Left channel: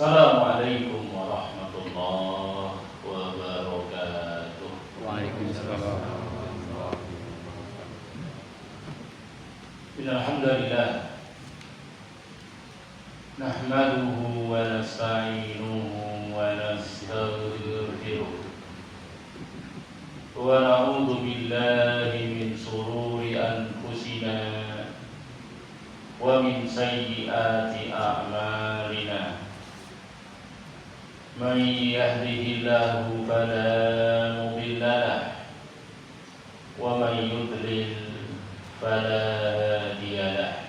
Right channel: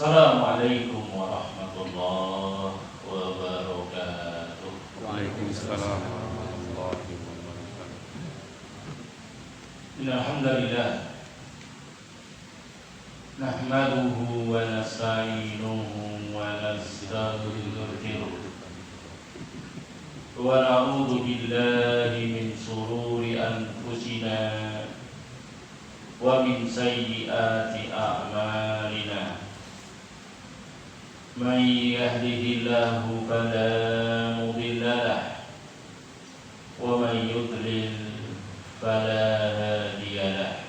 Assalamualaikum warahmatullahi wabarakatuh. Waalaikumsalam. Alhamdulillah nahmaduhu wa nasta'inuhu wa nastaghfiruh wa na'udzu billahi min shururi anfusina wa min sayyiati a'malina. Man yahdihillahu fala mudilla lahu wa man yudlil fala hadiya lahu.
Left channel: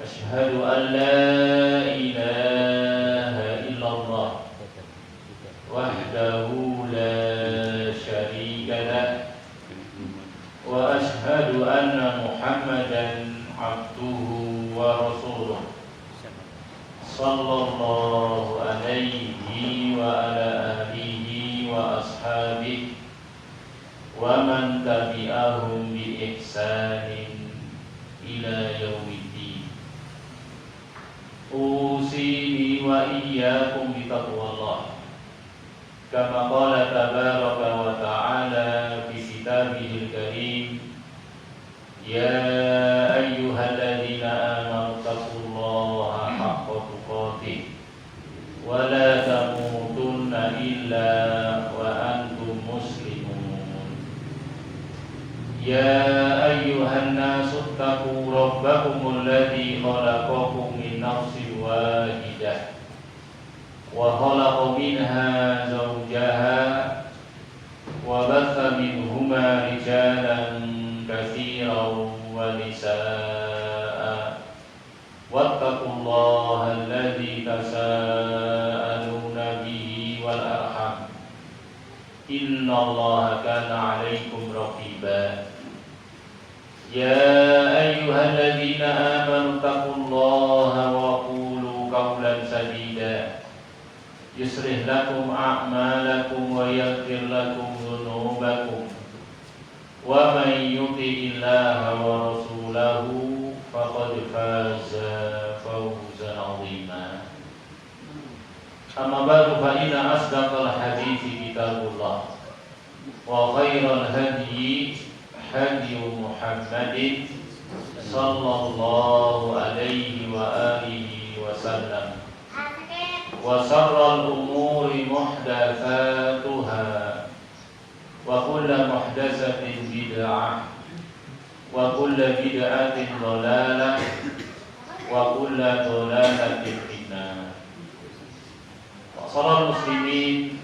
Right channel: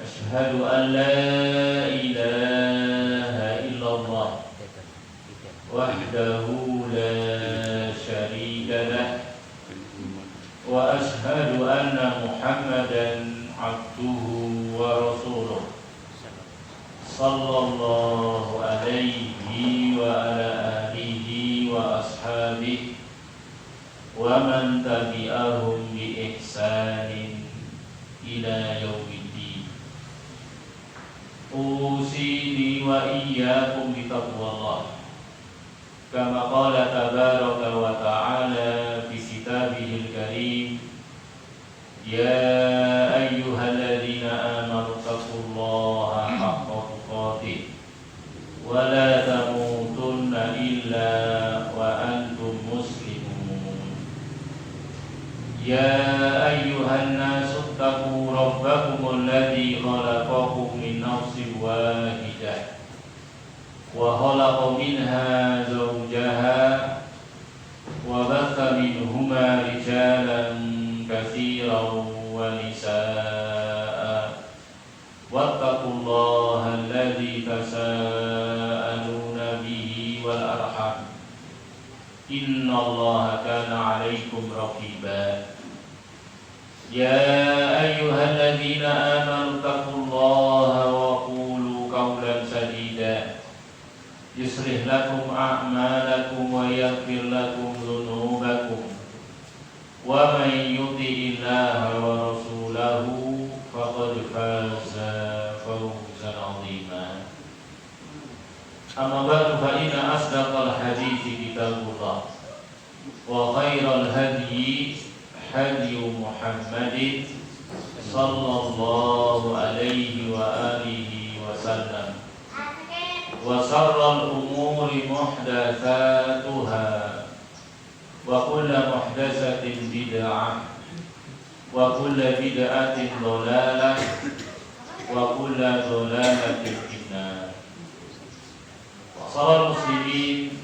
Asyhadu an la ilaha illallah wahdahu la syarika lahu wa asyhadu anna Muhammadan abduhu wa rasuluh sallallahu alaihi wa ala alihi wa ashabihi wa man tabi'ahum bi ihsanin ila yaumiddin. Usini wa iyyakum bi taqwallah kama qala tabaraka wa ta'ala fi kitabihil karim. Ya ayyuhalladzina amanu taqullaha haqqa tuqatih wa la tamutunna illa wa antum muslimun. Ya ayyuhan nasu taqu rabbakumul ladzi khalaqakum min nafsin wahidah wa khalaqa minha zawjaha wa batha minhuma rijalan katsiran wa nisaa'a wattaqullaha alladzi tasaaluna bihi wal arham innallaha kana 'alaikum raqiba. Ya ayyuhalladzina amanu taqullaha wa qulu qawlan sadida yuslih lakum a'malakum wa yaghfir lakum dhunubakum wa man yuti'illaha wa rasulahu faqad faza fawzan 'azima. Amma ba'du, fa inna asdaqal hadithi kitabullah wa khairal hadyi hadyu Muhammadin sallallahu alaihi wa alihi wa sallam wa sharral umuri muhdatsatuha wa kullu muhdatsatin bid'ah wa kullu bid'atin dhalalah wa kullu dhalalatin finnar. Wassalal muslimin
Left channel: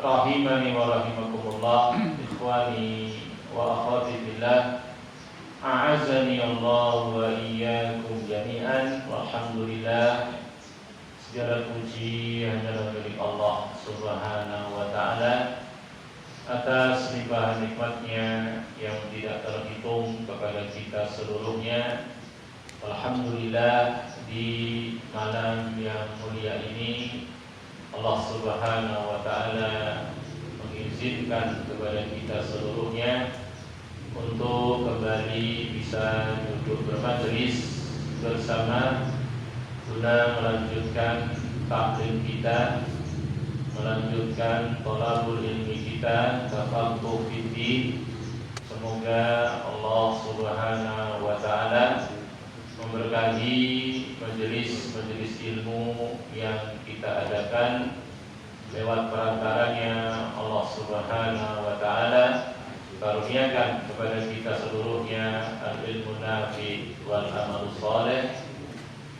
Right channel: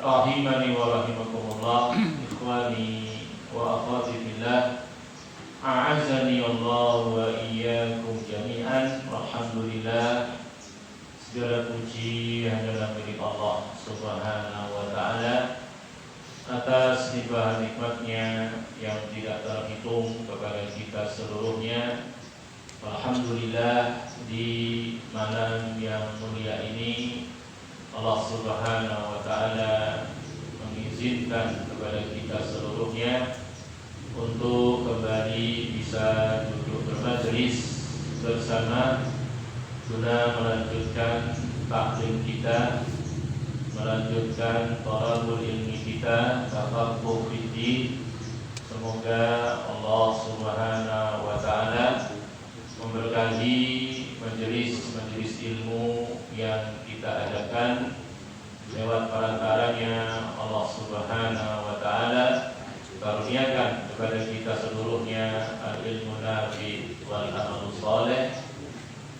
rahimani wa rahimakumullah, ikhwani wa akhwati fillah, a'azzani Allah wa iyyakum jami'an. Alhamdulillah, segala puji hanyalah milik Allah Subhanahu wa ta'ala atas limpahan nikmatnya yang tidak terhitung kepada kita seluruhnya. Alhamdulillah, di malam yang mulia ini Allah Subhanahu wa ta'ala mengizinkan kepada kita seluruhnya untuk kembali bisa duduk bermajelis bersama guna melanjutkan taklim kita, melanjutkan thalabul ilmi kita, tafaqquh fiddin. Semoga Allah Subhanahu wa ta'ala memberkahi majelis-majelis ilmu yang kita adakan. Lewat perantaranya Allah Subhanahu wa ta'ala karuniakan kepada kita seluruhnya al-ilmu nafi wal amal saleh,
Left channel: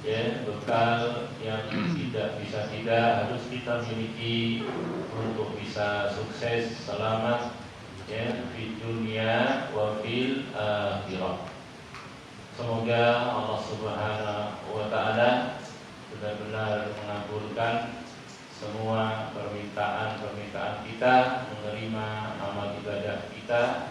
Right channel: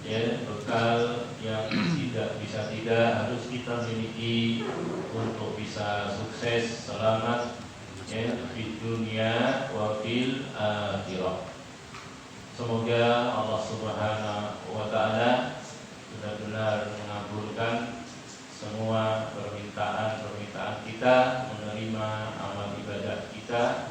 ya, bekal yang tidak harus kita miliki untuk bisa sukses selamat, ya, di dunia wa fil akhirah. Semoga Allah Subhanahu wa ta'ala benar-benar mengabulkan semua permintaan kita, menerima amal ibadah kita,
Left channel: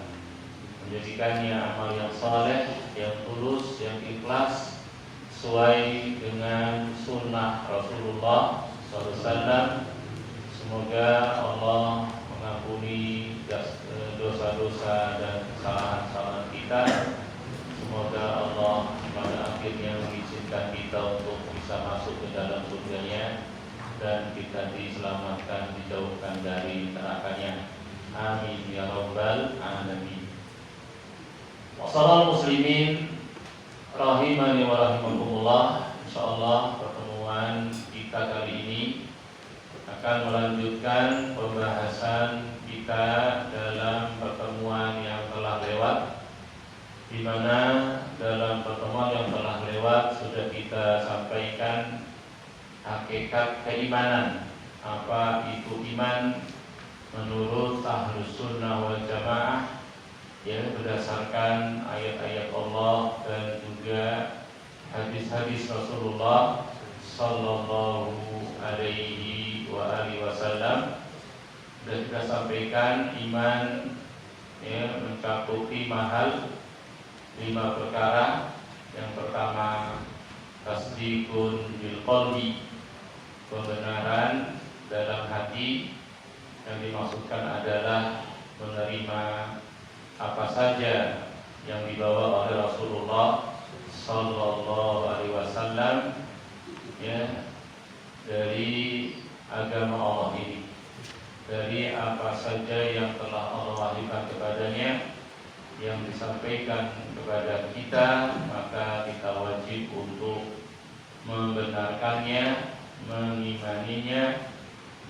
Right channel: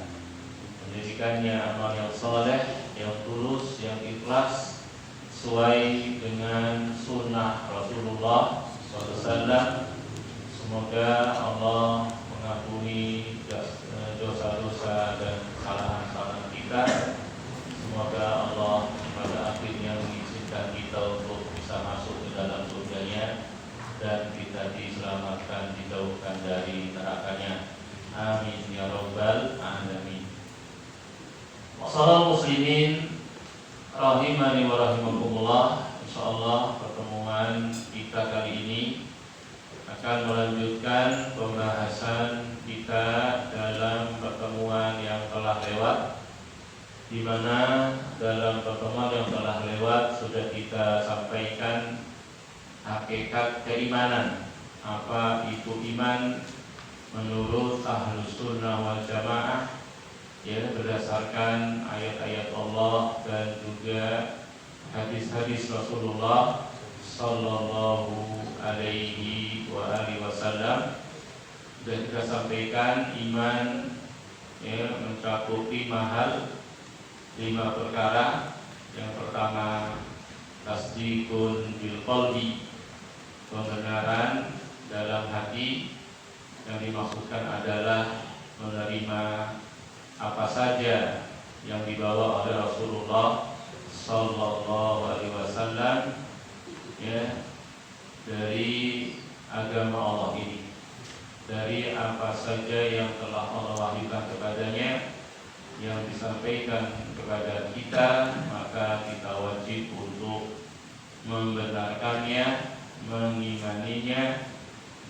menjadikannya amal yang saleh, yang tulus, yang ikhlas, sesuai dengan sunnah Rasulullah SAW. Semoga Allah mengampuni dosa-dosa dan kesalahan-kesalahan kita. Semoga Allah pada akhirnya mengizinkan kita untuk bisa masuk ke dalam surga diselamatkan, dijauhkan dari nerakanya. Amin ya rabbal alamin. Wassallallahu muslimin rahimani wa rahimakumullah. Insyaallah pertemuan kita kali ini akan melanjutkan pembahasan kita dalam pertemuan yang telah lewat, di mana dalam pertemuan yang telah lewat sudah kita sampaikan hakikat keimanan. Apa itu iman menurut Ahlus Sunnah wal Jamaah, ya, berdasarkan ayat-ayat Allah dan juga hadis-hadis Rasulullah sallallahu alaihi wa alihi wasallam. Sudah kita sampaikan iman, ya, mencakup 5 perkara. Yang pertama, tasdikun bil qalbi, pembenaran dalam hati. Yang dimaksudkan adalah menerima apa saja yang dibawa oleh Rasulullah sallallahu alaihi wasallam, ya, dari agama Allah ini, dari apa saja yang telah Allah wahyukan kepadanya, yang disampaikan kepada kita, maka kita wajib untuk membenarkannya, mengimaninya,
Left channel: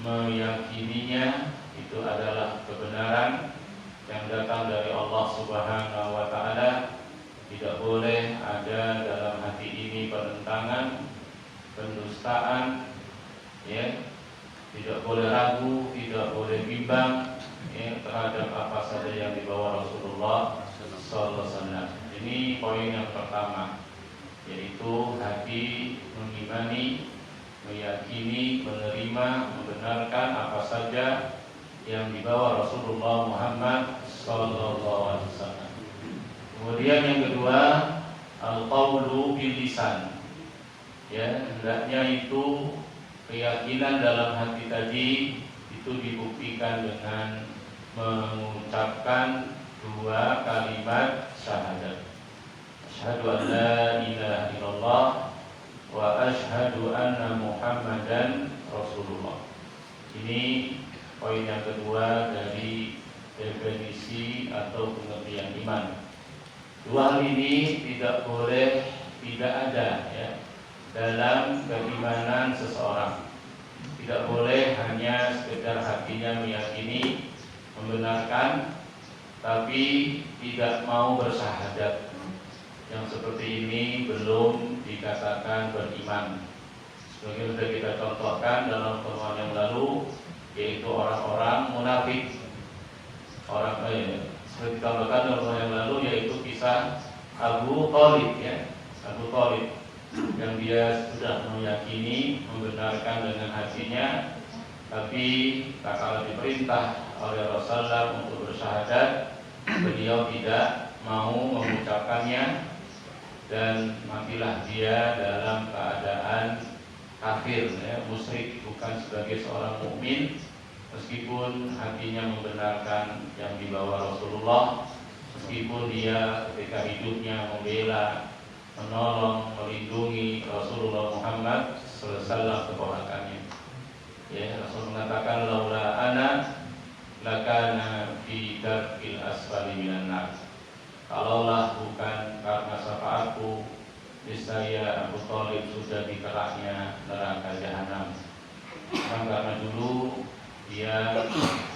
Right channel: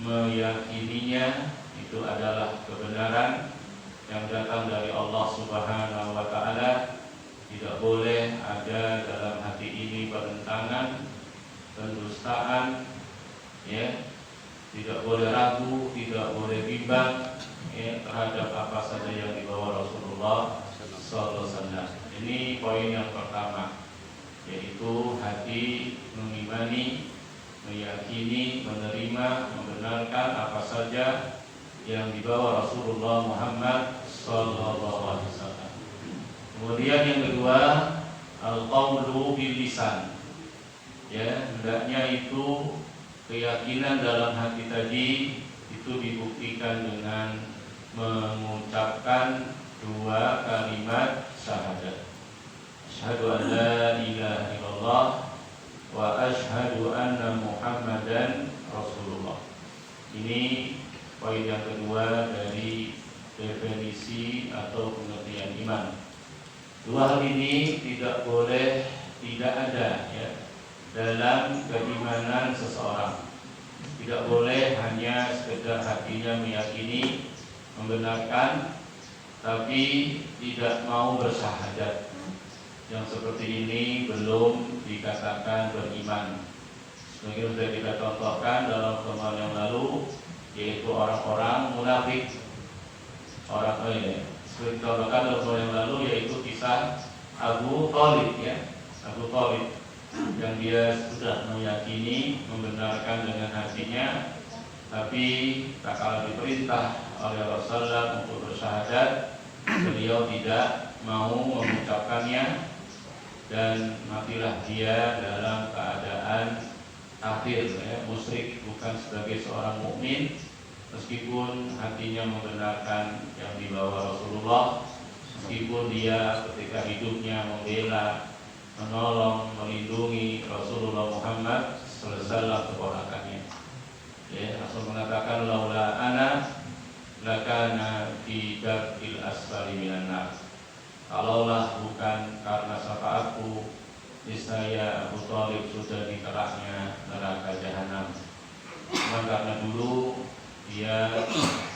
meyakininya. Itu adalah kebenaran yang datang dari Allah Subhanahu wa taala. Tidak boleh ada dalam hati ini penentangan, pendustaan, ya. Tidak boleh ragu, tidak boleh bimbang, ya, terhadap apa saja yang dibawa Rasulullah sallallahu alaihi wasallam. Ini poin yang pertama, yaitu hati mengimani, meyakini, menerima, membenarkan apa saja yang dibawa Rasulullah Muhammad sallallahu alaihi wasallam. Kemudian yang kedua, al-qaulu bil lisan. Ya, hendaknya itu keyakinan dalam hati tadi itu dibuktikan dengan mengucapkan 2 kalimat syahadat. Asyhadu an la ilaha illallah wa asyhadu anna Muhammadan Rasulullah. Ini poin yang kedua dari definisi atau pengertian iman. 2 hal ini tidak boleh tidak ada, ya, dalam keimanan seseorang. Tidak boleh hanya sekedar hatinya meyakini, membenarkan, tapi tidak mau bersyahadat. Yang seperti ini belum dikatakan beriman. Sebagai sudah kita contohkan dalam pertemuan yang lalu, yaitu orang-orang munafik. Seperti kita contohkan dalam pertemuan yang lalu, yaitu kisah Abu Thalib, ya, Abu Thalib, yang dia sudah meyakini, membenarkan dengan hatinya, tapi tak kala diperintah oleh Rasulullah untuk bersyahadat, beliau tidak mau mengucapkannya, dan matilah dia dalam keadaan kafir, ya, musyrik, bukan sebagai seorang mukmin, meskipun hatinya membenarkan yang dibawa Rasulullah, meskipun dia ketika hidupnya membela, menolong, melindungi Rasulullah Muhammad sallallahu alaihi wasallam, keponakannya. Ya, Rasul mengatakan laula ana lakana fi darkil asfali minan nar. Kalaulah bukan karena syafaatku, niscaya Abu Thalib sudah di kerahnya neraka jahanam. Karena dulu dia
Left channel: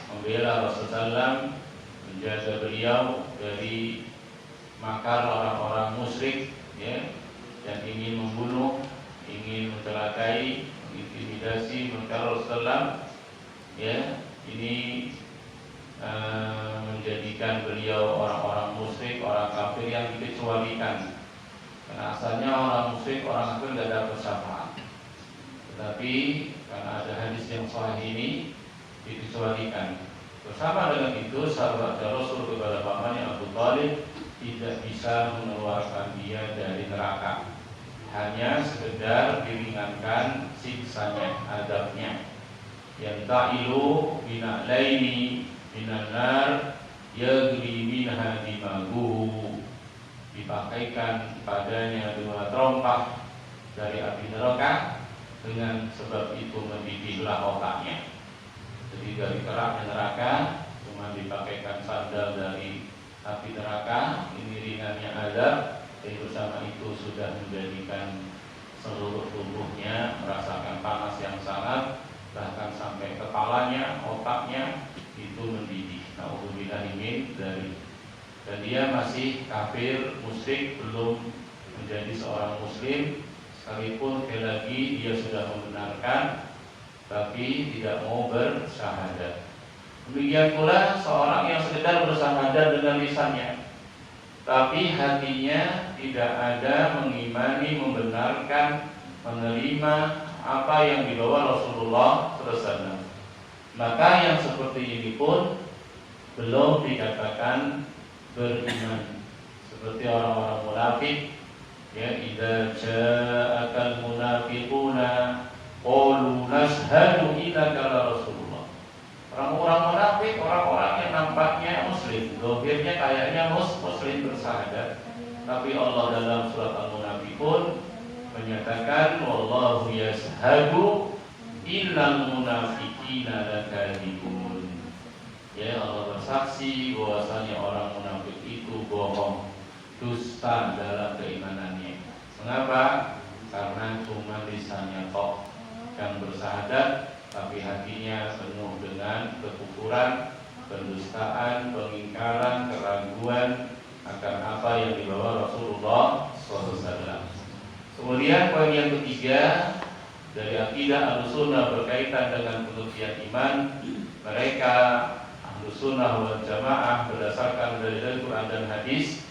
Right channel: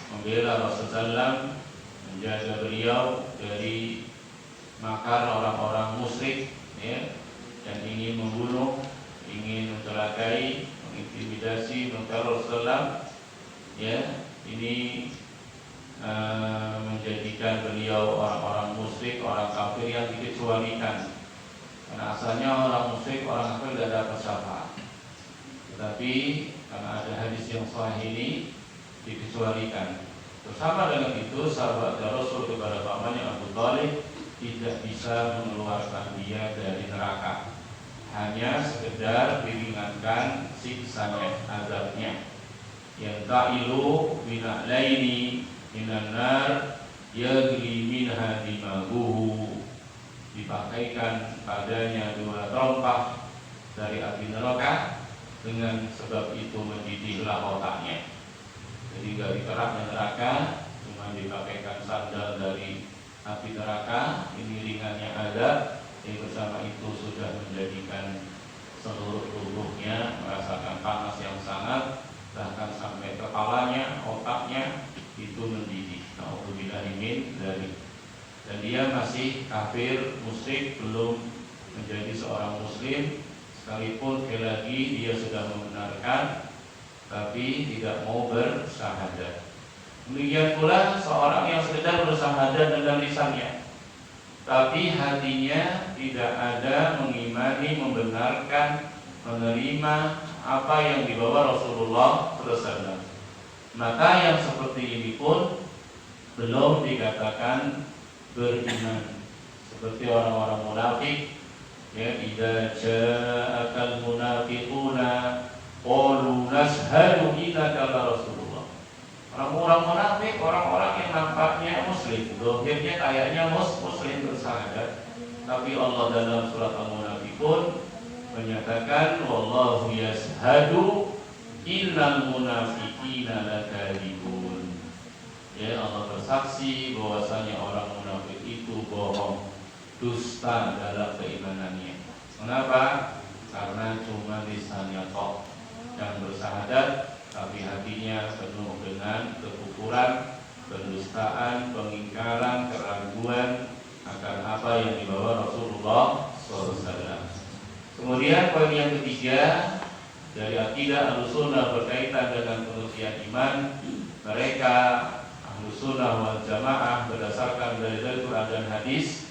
membela Rasulullah, menjaga beliau dari makar orang-orang musyrik, ya, yang ingin membunuh, ingin mencelakai, mengintimidasi, mencari Rasulullah, ya. Ini menjadikan beliau orang-orang musyrik, orang kafir yang dikecualikan. Karena asalnya orang musyrik, orang kafir tidak dapat syafaat. Tetapi karena ada hadis yang sahih ini, dikecualikan. Bersama dengan itu, sahabat Rasul kepada pamannya Abu Thalib tidak bisa mengeluarkan dia dari neraka, hanya sekedar diringankan siksanya, azabnya. Yang ta'ilu bina'laini minan nar yagli minha dimaguhu, dipakaikan padanya 2 terompah dari api neraka, dengan sebab itu mendidihlah otaknya. Jadi dari keraknya neraka cuma dipakaikan sandal dari api neraka, iringannya azab, tapi bersama itu sudah menjadikan seluruh tubuhnya merasakan panas yang sangat, bahkan sampai kepalanya, otaknya itu mendidih. Nauzubillahi min dzalik. Dan dia masih kafir, musyrik, belum menjadi seorang muslim, sekalipun sekali lagi dia sudah membenarkan tapi tidak mau bersyahadat. Demikian pula seorang yang sekedar bersyahadat dengan lisannya, tapi hatinya tidak ada mengimani, membenarkan, menerima apa yang dibawa Rasulullah SAW, maka yang seperti ini pun belum dikatakan beriman. Seperti orang-orang munafik, ya, idza ja'akal munafiquna qalu nashhadu innaka la rasulullah. Orang-orang munafik, orang-orang yang nampaknya muslim, zahirnya kayaknya muslim bersyahadat, tapi Allah dalam surat Al-Munafiqun menyatakan wallahu yashhadu innal munafiqina lakadzibun. Ya, Allah bersaksi bahwasanya orang munafik itu bohong, dusta dalam keimanannya. Mengapa? Karena cuma lisannya tok yang bersyahadat, tapi hatinya penuh dengan kekufuran, pendustaan, pengingkaran, keraguan akan apa yang dibawa Rasulullah SAW. Kemudian poin yang ketiga dari akidah Ahlussunnah berkaitan dengan pengertian iman, mereka Ahlussunnah wal Jamaah berdasarkan dari Al-Quran dan hadis,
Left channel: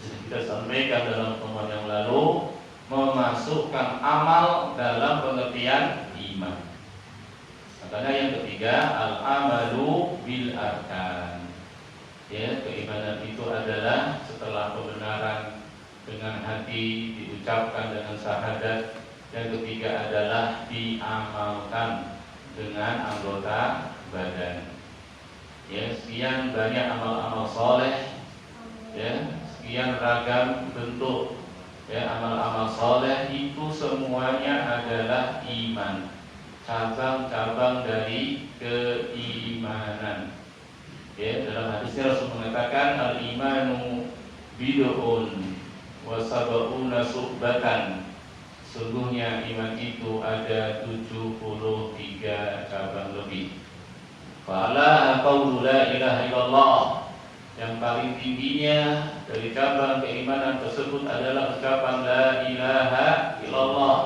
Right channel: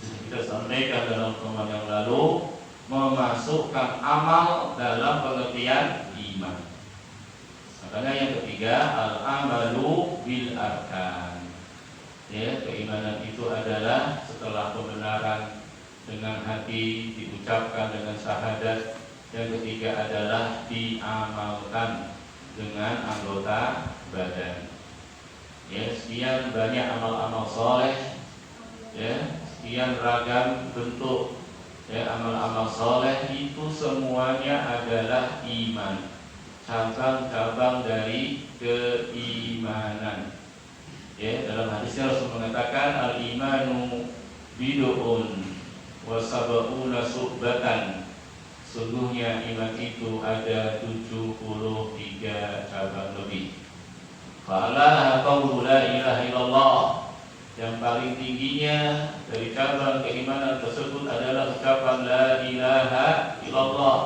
kita sampaikan dalam pertemuan yang lalu, memasukkan amal dalam pengertian iman. Makanya yang ketiga, al-amalu bil arkan. Ya, keimanan itu adalah setelah pembenaran dengan hati, diucapkan dengan syahadat. Yang ketiga adalah diamalkan dengan anggota badan. Ya, sekian banyak amal-amal soleh, ya, sekian ragam bentuk, ya, amal-amal soleh itu semuanya adalah iman, cabang-cabang dari keimanan. Ya, dalam hadisnya Rasul mengatakan al-imanu bid'un wa sab'una subbatan. Sungguhnya iman itu ada 73 cabang lebih. Fa'ala qawlu la ilaha illallah. Yang paling tingginya dari cabang keimanan tersebut adalah ucapan la ilaha illallah.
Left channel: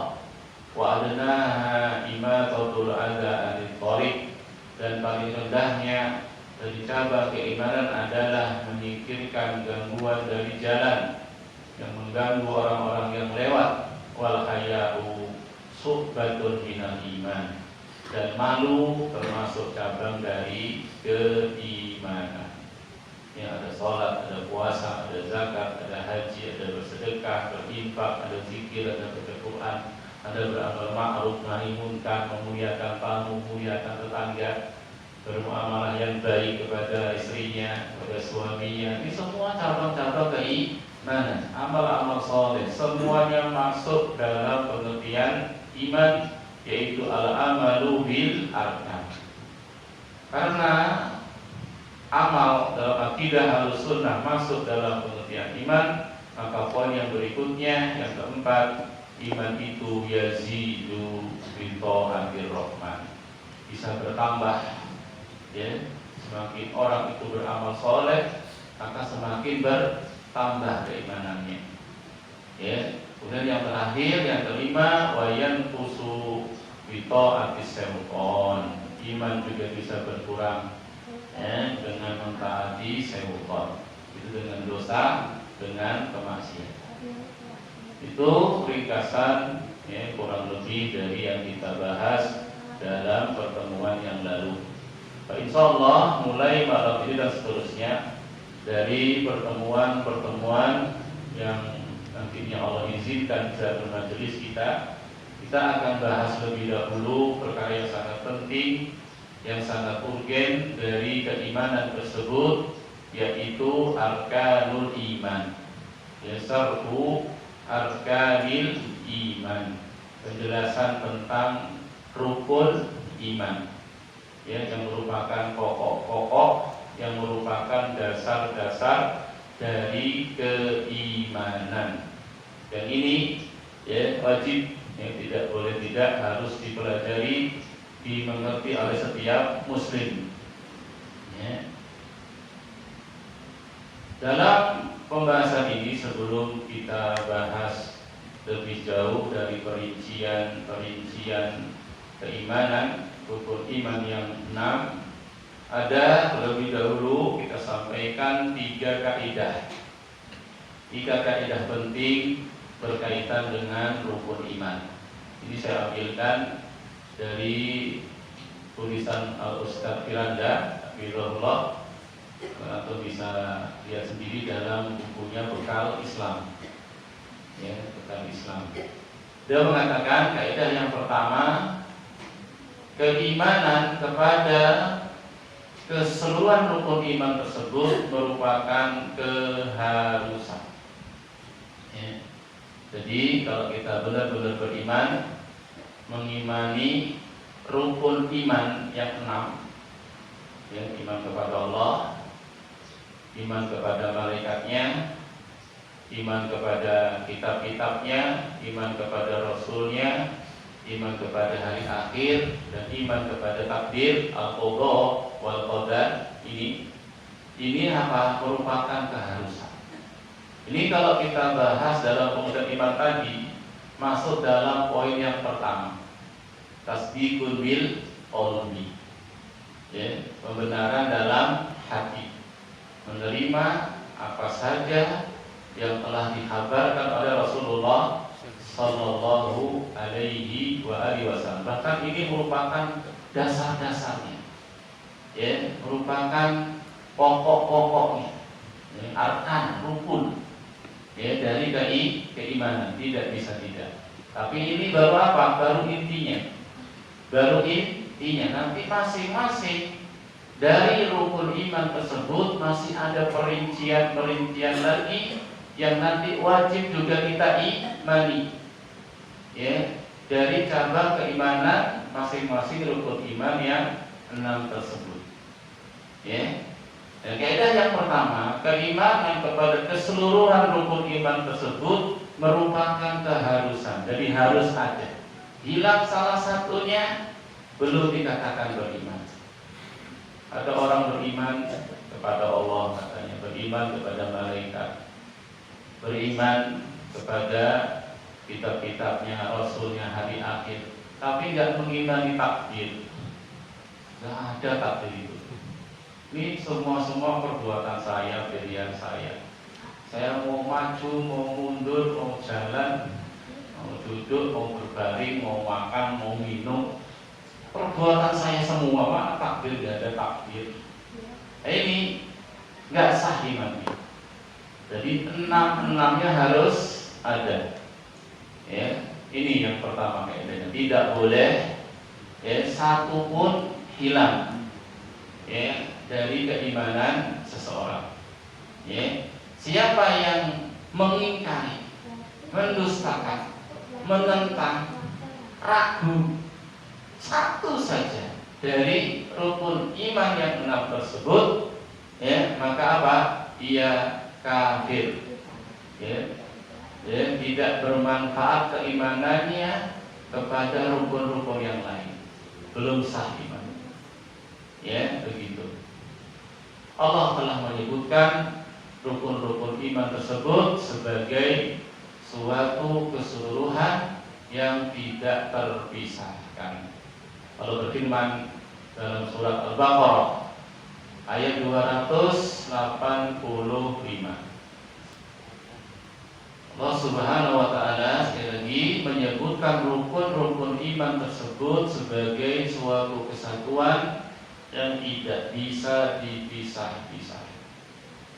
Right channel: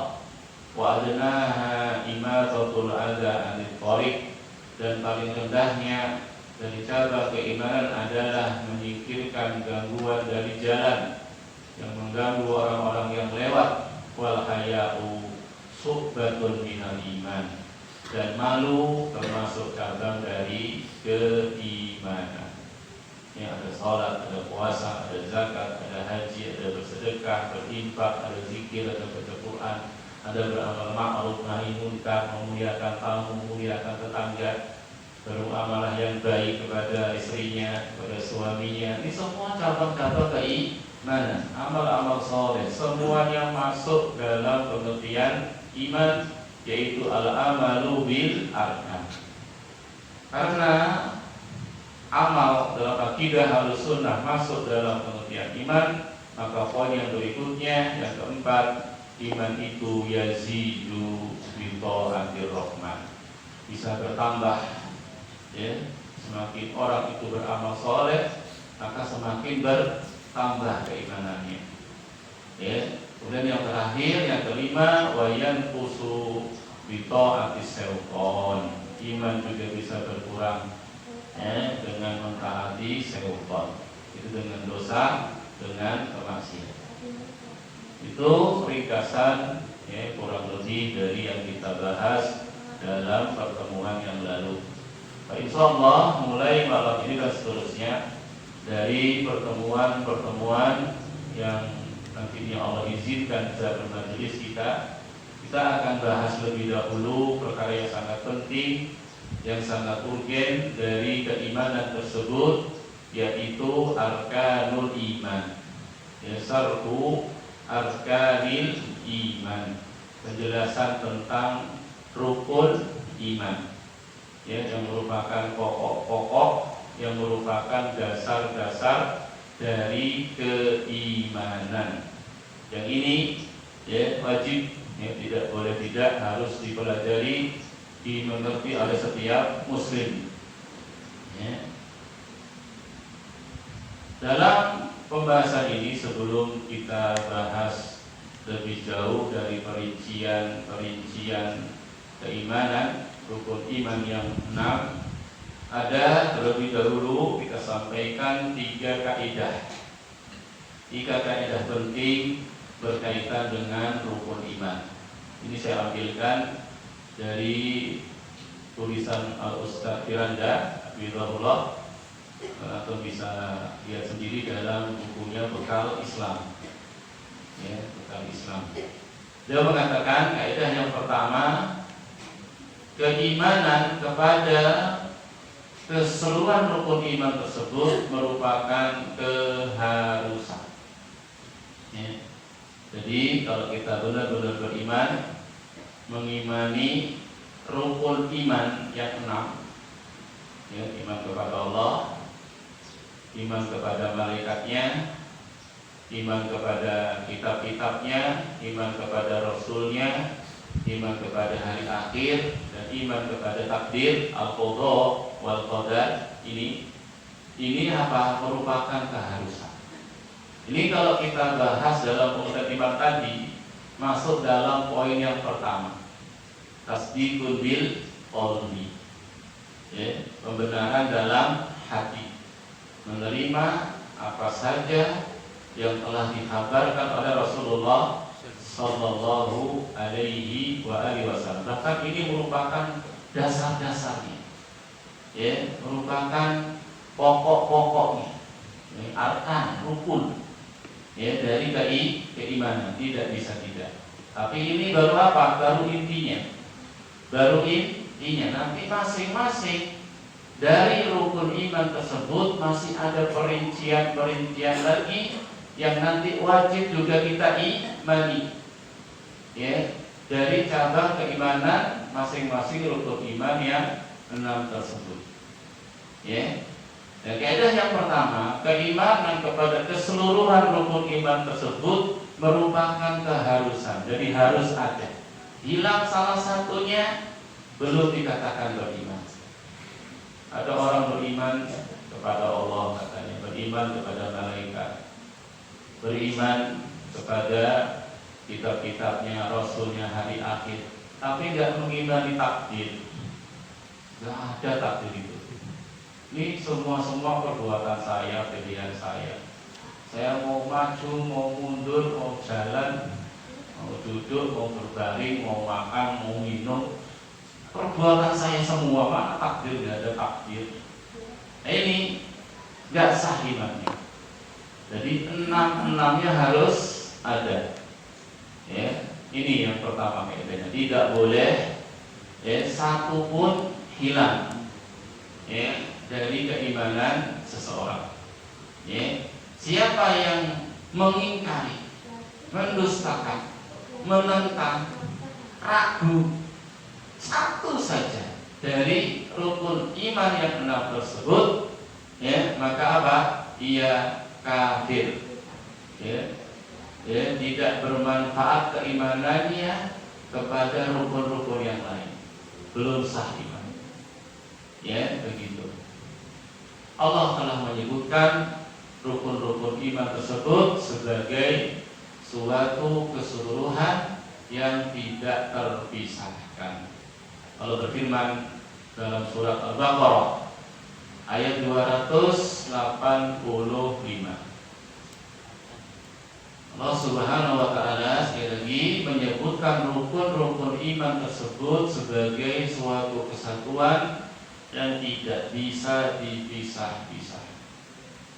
Wa adnaha imatatul adza anil thariq. Dan paling rendahnya dari cabang keimanan adalah menyingkirkan gangguan dari jalan yang mengganggu orang-orang yang lewat. Wal haya'u suhbatun minal iman. Dan malu termasuk cabang dari keimanan. Ya, ada salat, ada puasa, ada zakat, ada haji, ada bersedekah, berinfak, ada zikir, ada baca Quran, ada beramal ma'ruf nahi munkar, memuliakan tamu, memuliakan tetangga, bermuamalah yang baik kepada istrinya, kepada suaminya. Ini semua cabang-cabang keimanan, amal-amal saleh, semuanya masuk dalam pengertian iman, yaitu al-amalu bil arkan. Karena amal dalam akidah Ahlussunnah masuk dalam pengertian iman, maka poin yang berikutnya, yang keempat, iman itu yazidu bi thaatir rahman, bisa bertambah. Ya, semakin orang itu beramal soleh, maka semakin bertambah keimanannya. Ya, kemudian yang terakhir, yang kelima, wayan kusu bito atis syaitan. Iman juga bisa berkurang, ya, dengan mentaati syaitan. Itu dengan dosa, dengan kemaksiatan. Itu ringkasan, ya, kurang lebih dari yang kita bahas dalam pertemuan yang lalu. Insyaallah mulai malam ini dan seterusnya, dari pertemuan-pertemuan yang nantinya Allah izinkan bisa bermajelis kita akan bahas lebih dahulu perkara yang sangat penting, yang sangat urgen dari keimanan tersebut, yaitu arkanul iman, ya, sarfu arkanil iman, penjelasan tentang rukun iman, ya, yang merupakan pokok-pokok, yang merupakan dasar-dasar dari keimanan. Yang ini ya wajib, ya, tidak boleh tidak, harus dipelajari, dimengerti oleh setiap muslim. Ya. Dalam pembahasan ini, sebelum kita bahas lebih jauh dari perincian keimanan, rukun iman yang 6, ada terlebih dahulu kita sampaikan 3 kaidah. 3 kaidah penting berkaitan dengan rukun iman. Ini saya ambilkan dari tulisan Al-Ustaz Firanda Hafizahullah, atau bisa lihat sendiri dalam bukunya Bekal Islam, ya, Bekal Islam. Dia mengatakan kaidah yang pertama, keimanan kepada keseluruhan rukun iman tersebut merupakan keharusan. Ya. Jadi kalau kita benar-benar beriman, mengimani rukun iman yang 6, ya, iman kepada Allah, iman kepada malaikatnya, iman kepada kitab-kitabnya, iman kepada rasulnya, iman kepada hari akhir, dan iman kepada takdir, al-qadha wal qadar. Ini apa? Merupakan keharusan. Ini kalau kita bahas dalam pengertian iman tadi, masuk dalam poin yang pertama, tasdiqul bil qalbi, ya, pembenaran dalam hati, menerima apa saja yang telah dikabarkan oleh Rasulullah Sallallahu Alaihi Wasallam. Bahkan ini merupakan dasar-dasarnya, ya, merupakan pokok-pokoknya, ya, arkan, rukun, ya, dari keimanan, tidak bisa tidak. Tapi ini baru apa? Baru intinya, baru intinya. Nanti masing-masing dari rukun iman tersebut masih ada perincian lagi yang nanti wajib juga kita imani, ya, dari cabang keimanan masing-masing rukun iman yang 6 tersebut, ya. Dan kaidah yang pertama, keimanan kepada keseluruhan rukun iman tersebut merupakan keharusan. Jadi harus ada. Hilang salah satunya, belum dikatakan beriman. Ada orang beriman kepada Allah, katanya beriman kepada malaikat, beriman kepada kitab-kitabnya, rasulnya, hari akhir, tapi nggak mengimani takdir. Nggak ada takdir itu. Ini semua perbuatan saya, pilihan saya. Saya mau maju, mau mundur, mau jalan, mau duduk, mau berbaring, mau makan, mau minum, perbuatan saya semua. Mana takdir? Nggak ada takdir. Ini nggak sah imannya. Jadi 6-6-nya harus ada. Ya, ini yang pertama kaidahnya. Tidak boleh, ya, satu pun hilang, ya, dari keimanan seseorang. Ya, siapa yang mengingkari, mendustakan, menentang, ragu satu saja dari rukun iman yang 6 tersebut, ya, maka apa? Ia kafir, ya, ya, tidak bermanfaat keimanannya kepada rukun-rukun yang lain, belum sah iman, ya, begitu. Allah telah menyebutkan rukun-rukun iman tersebut sebagai suatu keseluruhan yang tidak terpisahkan. Allah berfirman dalam surat Al-Baqarah ayat 285. Allah Subhanahu wa taala sekali lagi menyebutkan rukun-rukun iman tersebut sebagai suatu kesatuan yang tidak bisa dipisah-pisah,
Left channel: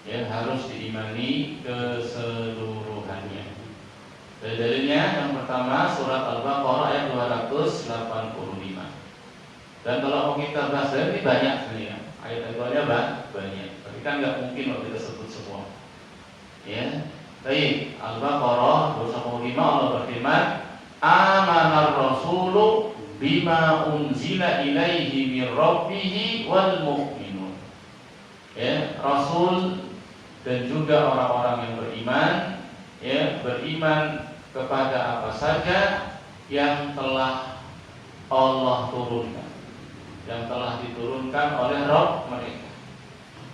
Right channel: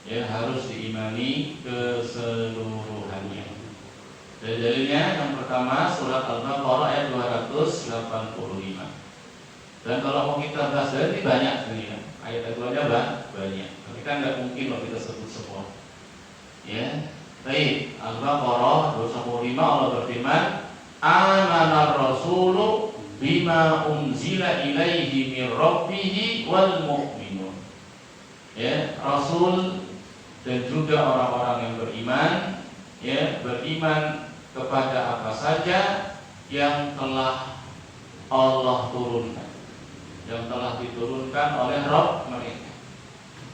ya, harus diimani keseluruhannya. Dalilnya yang pertama surat Al-Baqarah ayat 285. Dan kalau mau kita bahas ini banyak sekali, ya, ayat-ayatnya banyak. Tapi kan nggak mungkin kalau kita sebut semua, ya. Baik, Al-Baqarah 285, Allah berfirman, Amanar rasulu bima unzila ilaihi min rabbih wal mu'minun. Ya, Rasul dan juga orang-orang yang beriman, ya, beriman kepada apa saja yang telah Allah turunkan, yang telah diturunkan oleh Rabb mereka.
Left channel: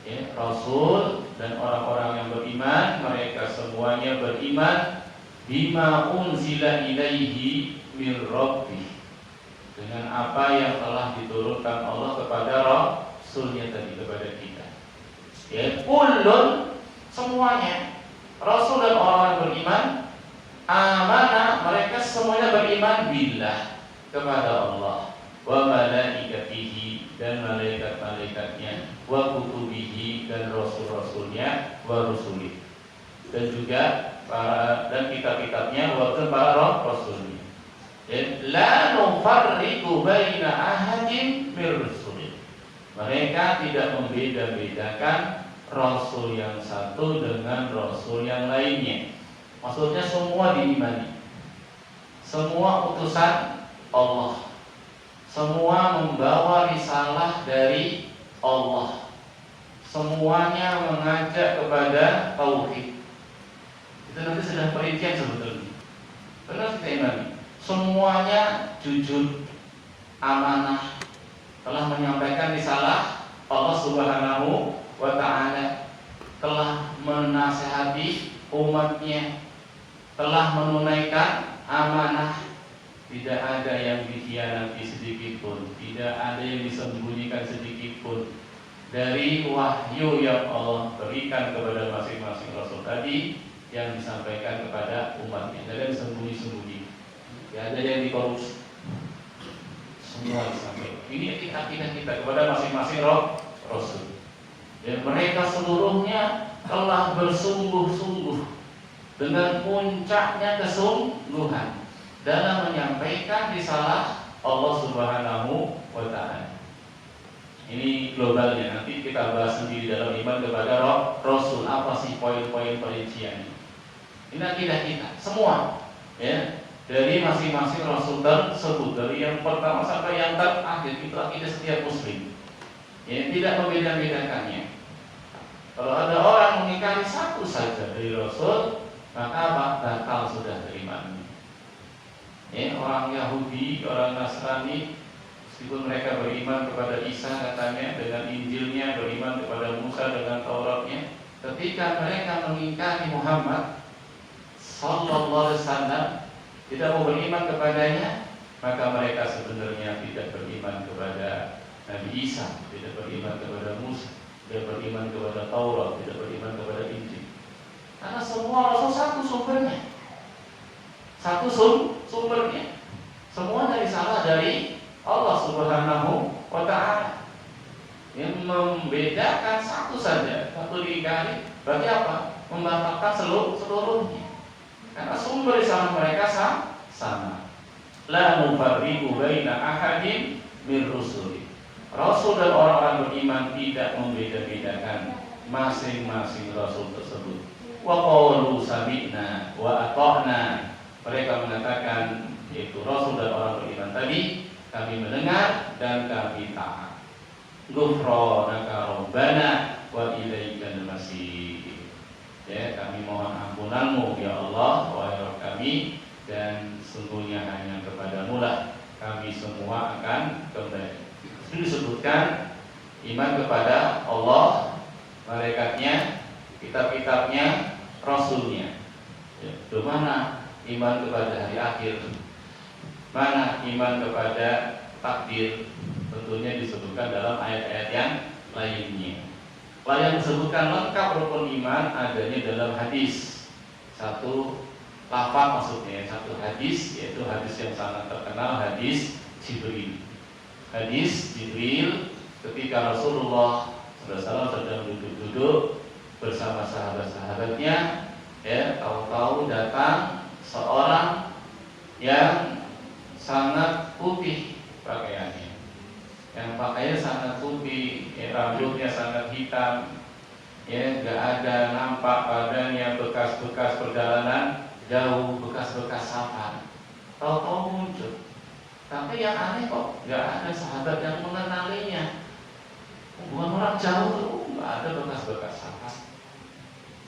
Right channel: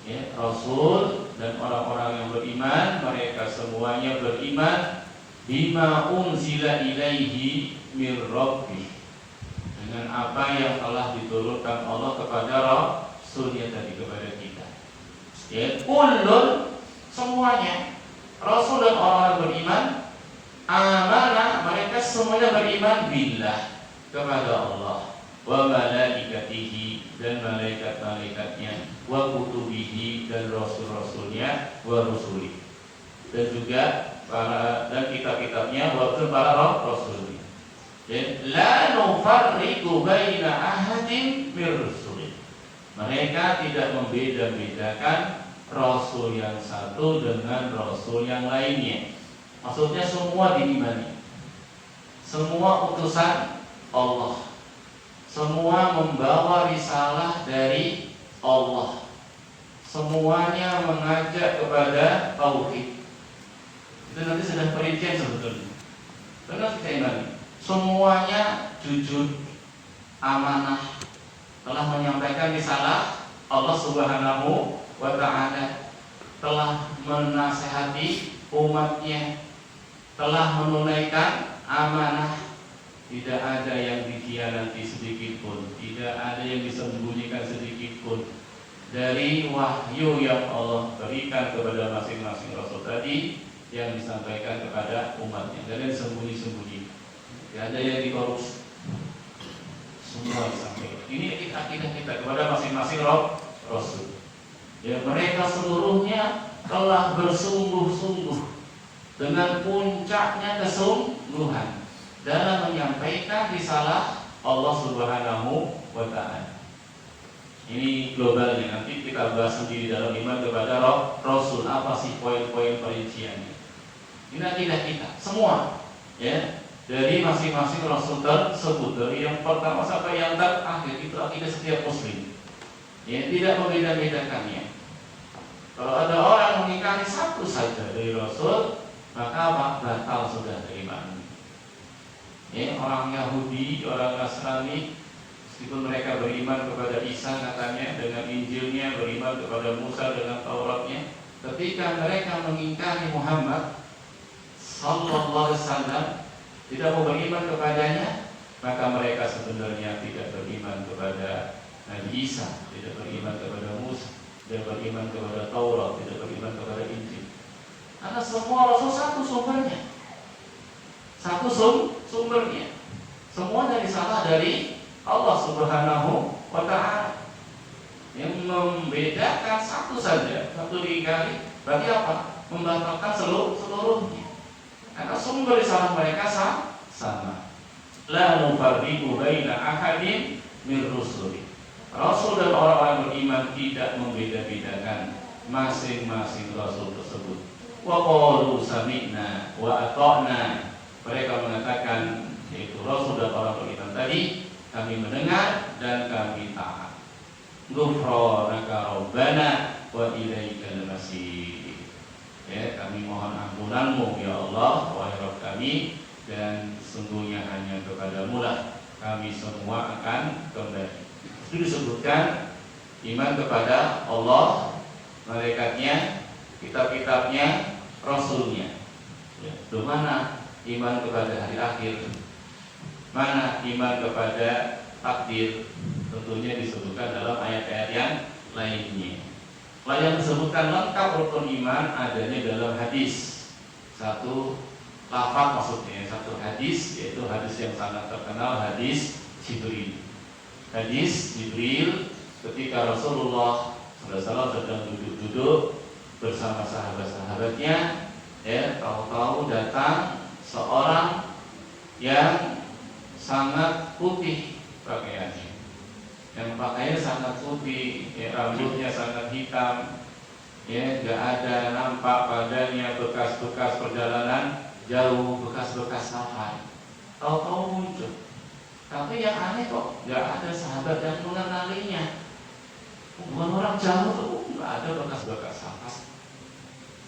Ya, Rasul dan orang-orang yang beriman, mereka semuanya beriman bima unzila ilaihi min rabbih, dengan apa yang telah diturunkan Allah kepada Rasulnya tadi, kepada kita. Ya, kullun, semuanya, Rasul dan orang beriman, amana, mereka semuanya beriman billah, kepada Allah, wa malaikatihi, dan malaikat-malaikatnya, wa kutubihi, dan rasul-rasulnya, wa rusuli, dan juga para dan kitab-kitabnya, wa para rasulnya. Ya, la nufarriqu baina ahadin mir rusuli. Mereka tidak membeda-bedakan Rasul yang satu dengan Rasul yang lainnya. Maksudnya semua diimani, semua utusan Allah, semua membawa risalah dari Allah, semuanya mengajak kepada tauhid. Itu nanti sedang perincian sebetulnya. Terus kita imani, semuanya jujur, amanah, telah menyampaikan risalah Allah Subhanahu wa ta'ala, telah menasehati umatnya, telah menunaikan amanah, tidak ada yang dikhianati sedikit pun, tidak ada yang disembunyikan sedikit pun dari wahyu yang Allah berikan kepada masing-masing Rasul tadi, yang disampaikan kepada umatnya. Tidak ada yang disembunyi-sembunyi, tidak ada yang dikorupsi, semua disampaikan. Ini akidah kita kepada masing-masing Rasul. Ya, mereka seluruhnya telah bersungguh-sungguh dengan puncaknya kesungguhan dalam menyampaikan risalah Allah Subhanahu wa ta'ala. Ini globalnya, nanti kita bahas sendiri dalam iman kepada Rasul. Apa sih poin-poin perinciannya? Ini akidah kita semua, ya, dari masing-masing Rasul tersebut, dari yang pertama sampai yang terakhir, itu akidah setiap Muslim. Ya, tidak membeda-bedakannya. Kalau ada orang mengingkari satu saja dari Rasul, maka batal sudah beriman. Ya, orang Yahudi, orang Nasrani, meskipun mereka beriman kepada Isa katanya dengan Injilnya, beriman kepada Musa dengan Tauratnya, ketika mereka mengingkari Muhammad sallallahu alaihi wasallam, tidak mau beriman kepadanya, maka mereka sebenarnya tidak beriman kepada Nabi Isa, tidak beriman kepada Musa, tidak beriman kepada Taurat, tidak beriman kepada Injil. Karena semua Rasul satu sumbernya, satu sumbernya, semua dari salah dari Allah Subhanahu wa ta'ala. Yang membedakan satu saja, satu diingkari, bagi apa? Membatalkan seluruhnya. Karena sumber risalah mereka sama. La nufarriqu baina ahadin min rusuli. Rasul dan orang-orang beriman tidak membeda-bedakan masing-masing Rasul tersebut. Wa qalu sami'na wa ata'na. Mereka mengatakan, yaitu Rasul dan orang beriman tadi, kami mendengar dan kami taat. Ghufranaka rabbana wa ilaikal masir. Ya, kami mohon ampunanmu ya Allah, wahai Rabb kami, dan sungguhnya hanya kepadamu lah kami semua akan kembali. Itu disebutkan iman kepada Allah, malaikatnya, kitab-kitabnya, Rasulnya. Ya, bagaimana iman kepada hari akhir? Mana iman kepada takdir? Tentunya disebutkan dalam ayat-ayat yang lainnya. Yang disebutkan lengkap rukun iman adanya dalam hadis. Satu lafaz maksudnya, satu hadis, yaitu hadis yang sangat terkenal, hadis Jibril. Hadis Jibril ketika Rasulullah SAW sedang duduk-duduk bersama sahabat-sahabatnya, ya, tahu-tahu datang seorang yang sangat putih pakaiannya, yang pakaiannya sangat putih, ya, rambutnya sangat hitam, ya, gak ada nampak badannya bekas-bekas perjalanan jauh, bekas-bekas safar. tahu-tahu muncul. Tapi yang aneh kok nggak ada sahabat yang mengenalinya. Bukan orang jauh tuh, nggak ada bekas-bekas sampah.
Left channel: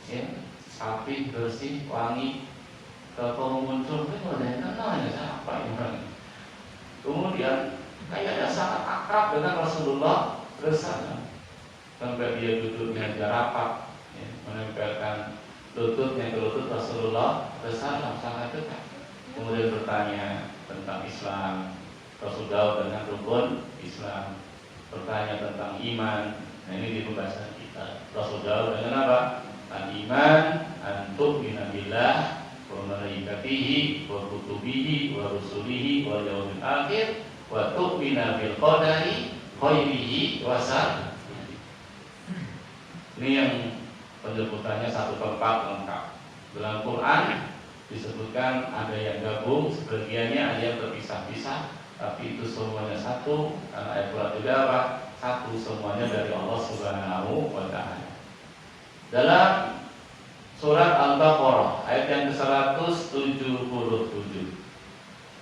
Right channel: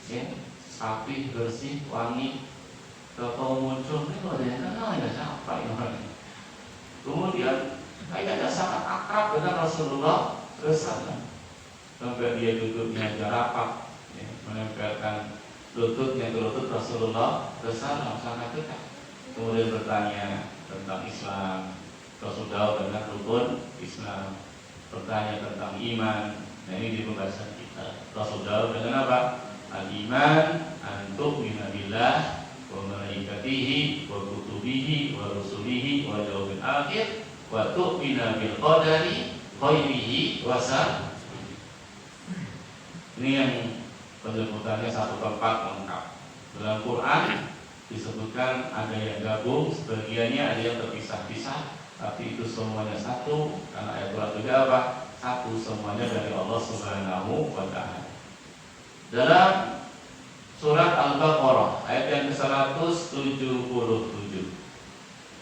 Ya, api bersih, wangi, tahu-tahu muncul itu ada yang kenalnya siapa yang orang. Kemudian kayaknya sangat akrab dengan Rasulullah SAW. Sampai dia duduknya rapat, ya, menempelkan lututnya ke lutut Rasulullah SAW sangat dekat. Kemudian bertanya tentang Islam, Rasulullah dengan rukun Islam. Bertanya tentang iman. Nah, ini di pembahasan kita. Rasulullah dengan apa? Al-iman an tu'mina billah wa malaikatihi wa kutubihi wa rusulihi wa yaumil akhir wa tu'mina bil qadari khairihi wa syarrihi. Ini yang penyebutannya satu tempat lengkap. Dalam Quran disebutkan ada yang gabung, sebagiannya ada yang terpisah-pisah, tapi itu semuanya satu. Karena ayat Quran juga apa? Satu, semuanya dari Allah Subhanahu wa Ta'ala. Dalam surat Al-Baqarah ayat yang ke-177,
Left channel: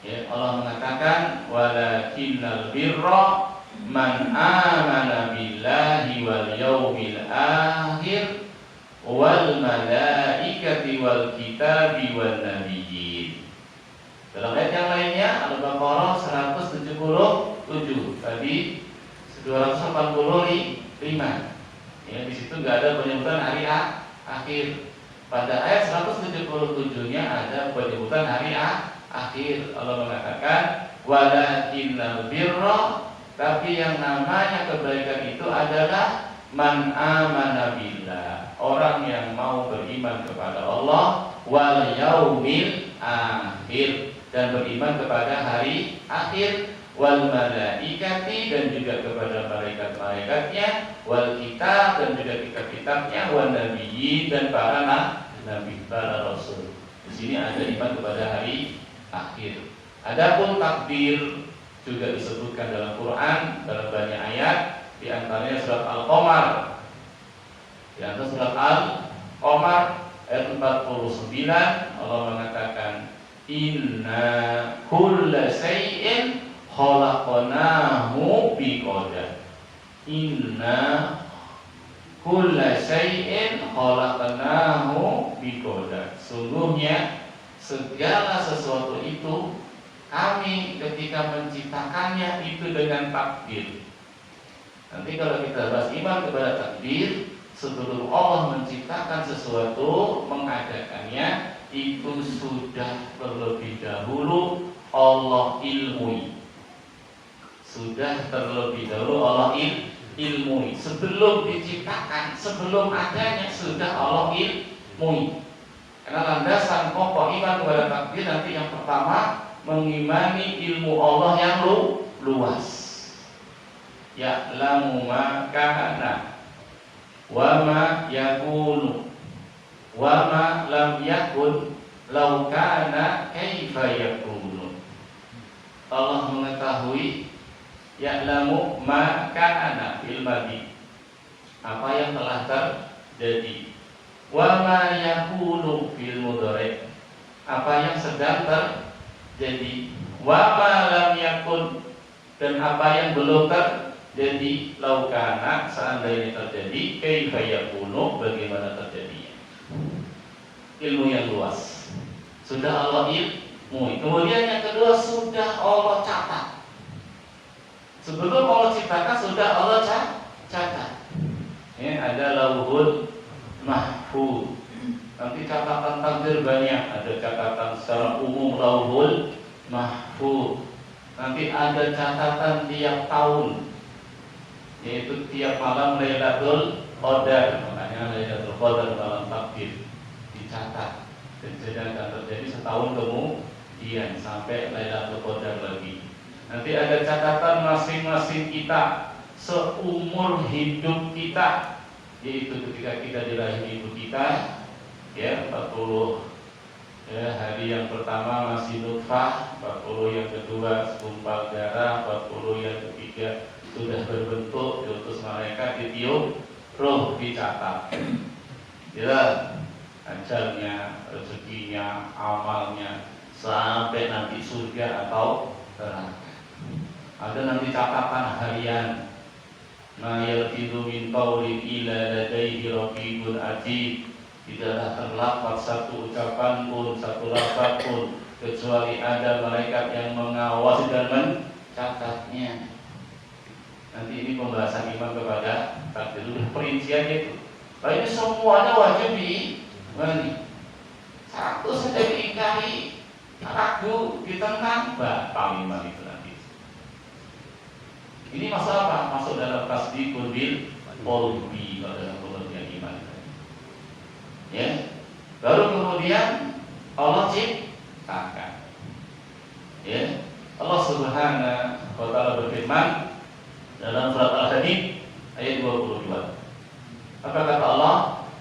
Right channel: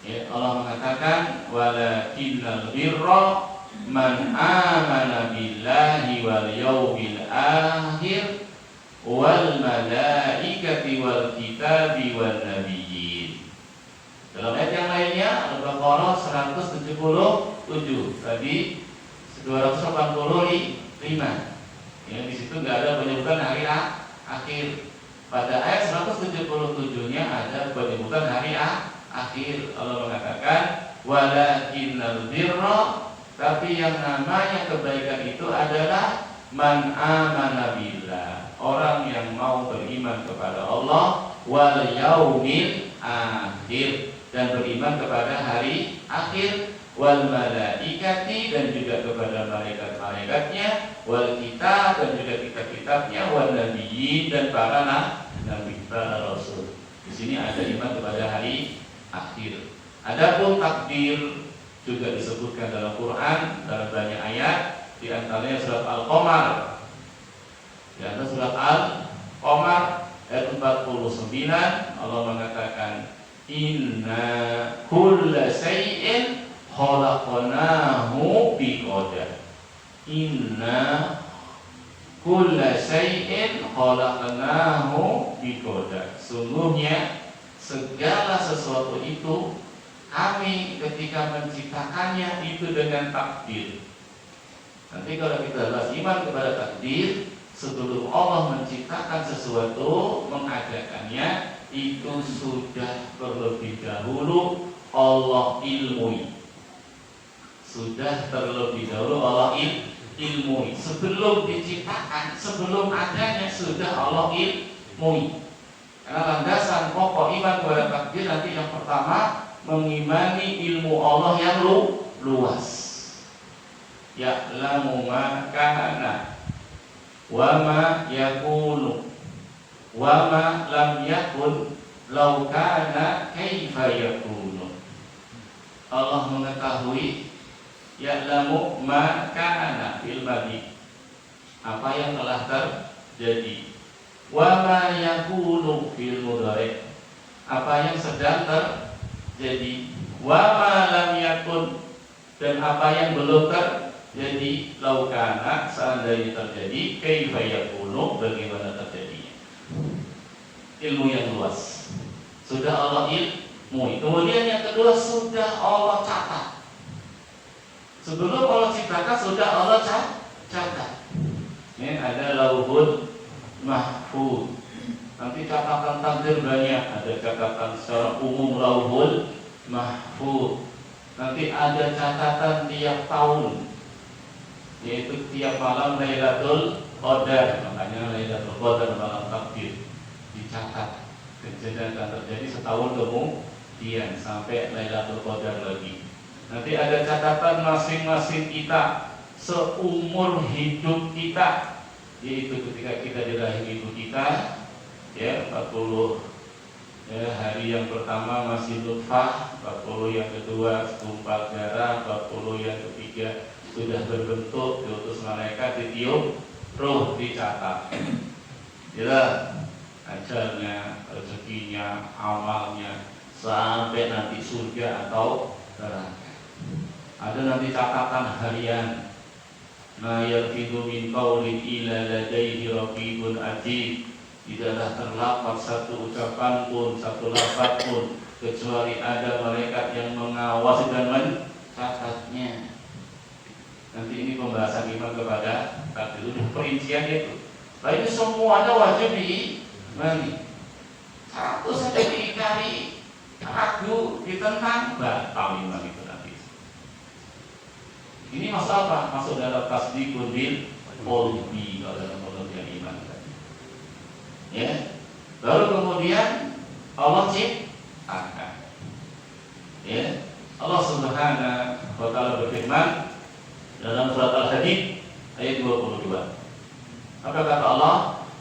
ya, Allah mengatakan walakinnal birra man amana billahi wal yawmil akhir wal malaikati wal kitabi wal nabiyyin. Dalam ayat yang lainnya Al-Baqarah 177 tadi 285. Ya, di situ nggak ada penyebutan hari akhir. Pada ayat 177-nya ada penyebutan hari akhir. Allah mengatakan walakinnal birra, tapi yang namanya kebaikan itu adalah man amana billah, orang yang mau beriman kepada Allah, wal yaumil akhir, dan beriman kepada hari akhir, wal malaikati, dan juga kepada malaikat-malaikatnya, wal kitab, dan juga kitab-kitabnya, wal nabiyyin, dan para nabi, para rasul. Di sini ada iman kepada hari akhir. Adapun takdir juga disebutkan dalam Quran dalam banyak ayat, di antaranya surat Al-Qamar. Di antara surat Al-Qamar ayat 49 Allah mengatakan inna kulla shay'in khalaqnahu biqadar. Inna kulla shay'in khalaqnahu biqadar. Sungguhnya segala sesuatu itu kami ketika menciptakannya itu dengan takdir. Nanti kalau kita bahas iman kepada takdir, sebelum Allah menciptakan sesuatu, mengadakannya, itu sudah terlebih dahulu Allah ilmui. Sudah terlebih dahulu Allah ilmui. Sebelum diciptakan, sebelum adanya, sudah Allah ilmui. Karena landasan pokok iman kepada takdir nanti yang pertama mengimani ilmu Allah yang luas. Ya'lamu ma kana wa ma yakunu wa ma lam yakun law kana kaifa yakunu. Allah mengetahui, ya'lamu ma kana fil madi, apa yang telah terjadi, wa ma yakunu fil mudhari, apa yang sedang terjadi, wa ma lam yakun, dan apa yang belum terjadi, laukana, seandainya terjadi, kaifa yakunu, bagaimana terjadinya. Ilmu yang luas sudah Allah ilmui. Kemudian yang kedua, sudah Allah catat. Sebelum Allah ciptakan sudah Allah catat. Ini ada lauhul mahfuz. Nanti catatan takdir banyak. Ada catatan secara umum lauhul mahfuz. Nanti ada catatan tiap tahun, yaitu tiap malam Lailatul Qadar. Makanya Lailatul Qadar malam takdir dicatat. Kejadian akan terjadi setahun kemudian sampai Lailatul Qadar lagi. Nanti ada catatan masing-masing kita seumur hidup kita, yaitu ketika kita dirahi ibu kita, ya 40 ya, hari yang pertama masih nutfah, 40 yang kedua segumpal darah, 40 yang ketiga sudah berbentuk, diutus malaikat, ditiup roh, dicatat. Ya, ajalnya, rezekinya, amalnya, sampai nanti surga atau neraka. Ada nanti catatan harian. Ma yalfidhu min qawlin illa ladaihi raqibun atid. Tidaklah terlafaz satu ucapan pun, satu lafaz pun, kecuali ada malaikat yang mengawasi dan mencatatnya. Nanti ini pembahasan iman kepada takdir itu perincian itu. Nah, ini semuanya wajib diimani. Satu saja diingkari, ragu, ditentang, batal iman itu nanti. Ini masuk apa? Masuk dalam tasdiqul bil qalbi, kalau dalam pengertian iman. Ya. Baru kemudian Allah ciptakan. Ya. Allah Subhanahu wa taala berfirman dalam surat Al-Hadid ayat 22. Apa kata Allah?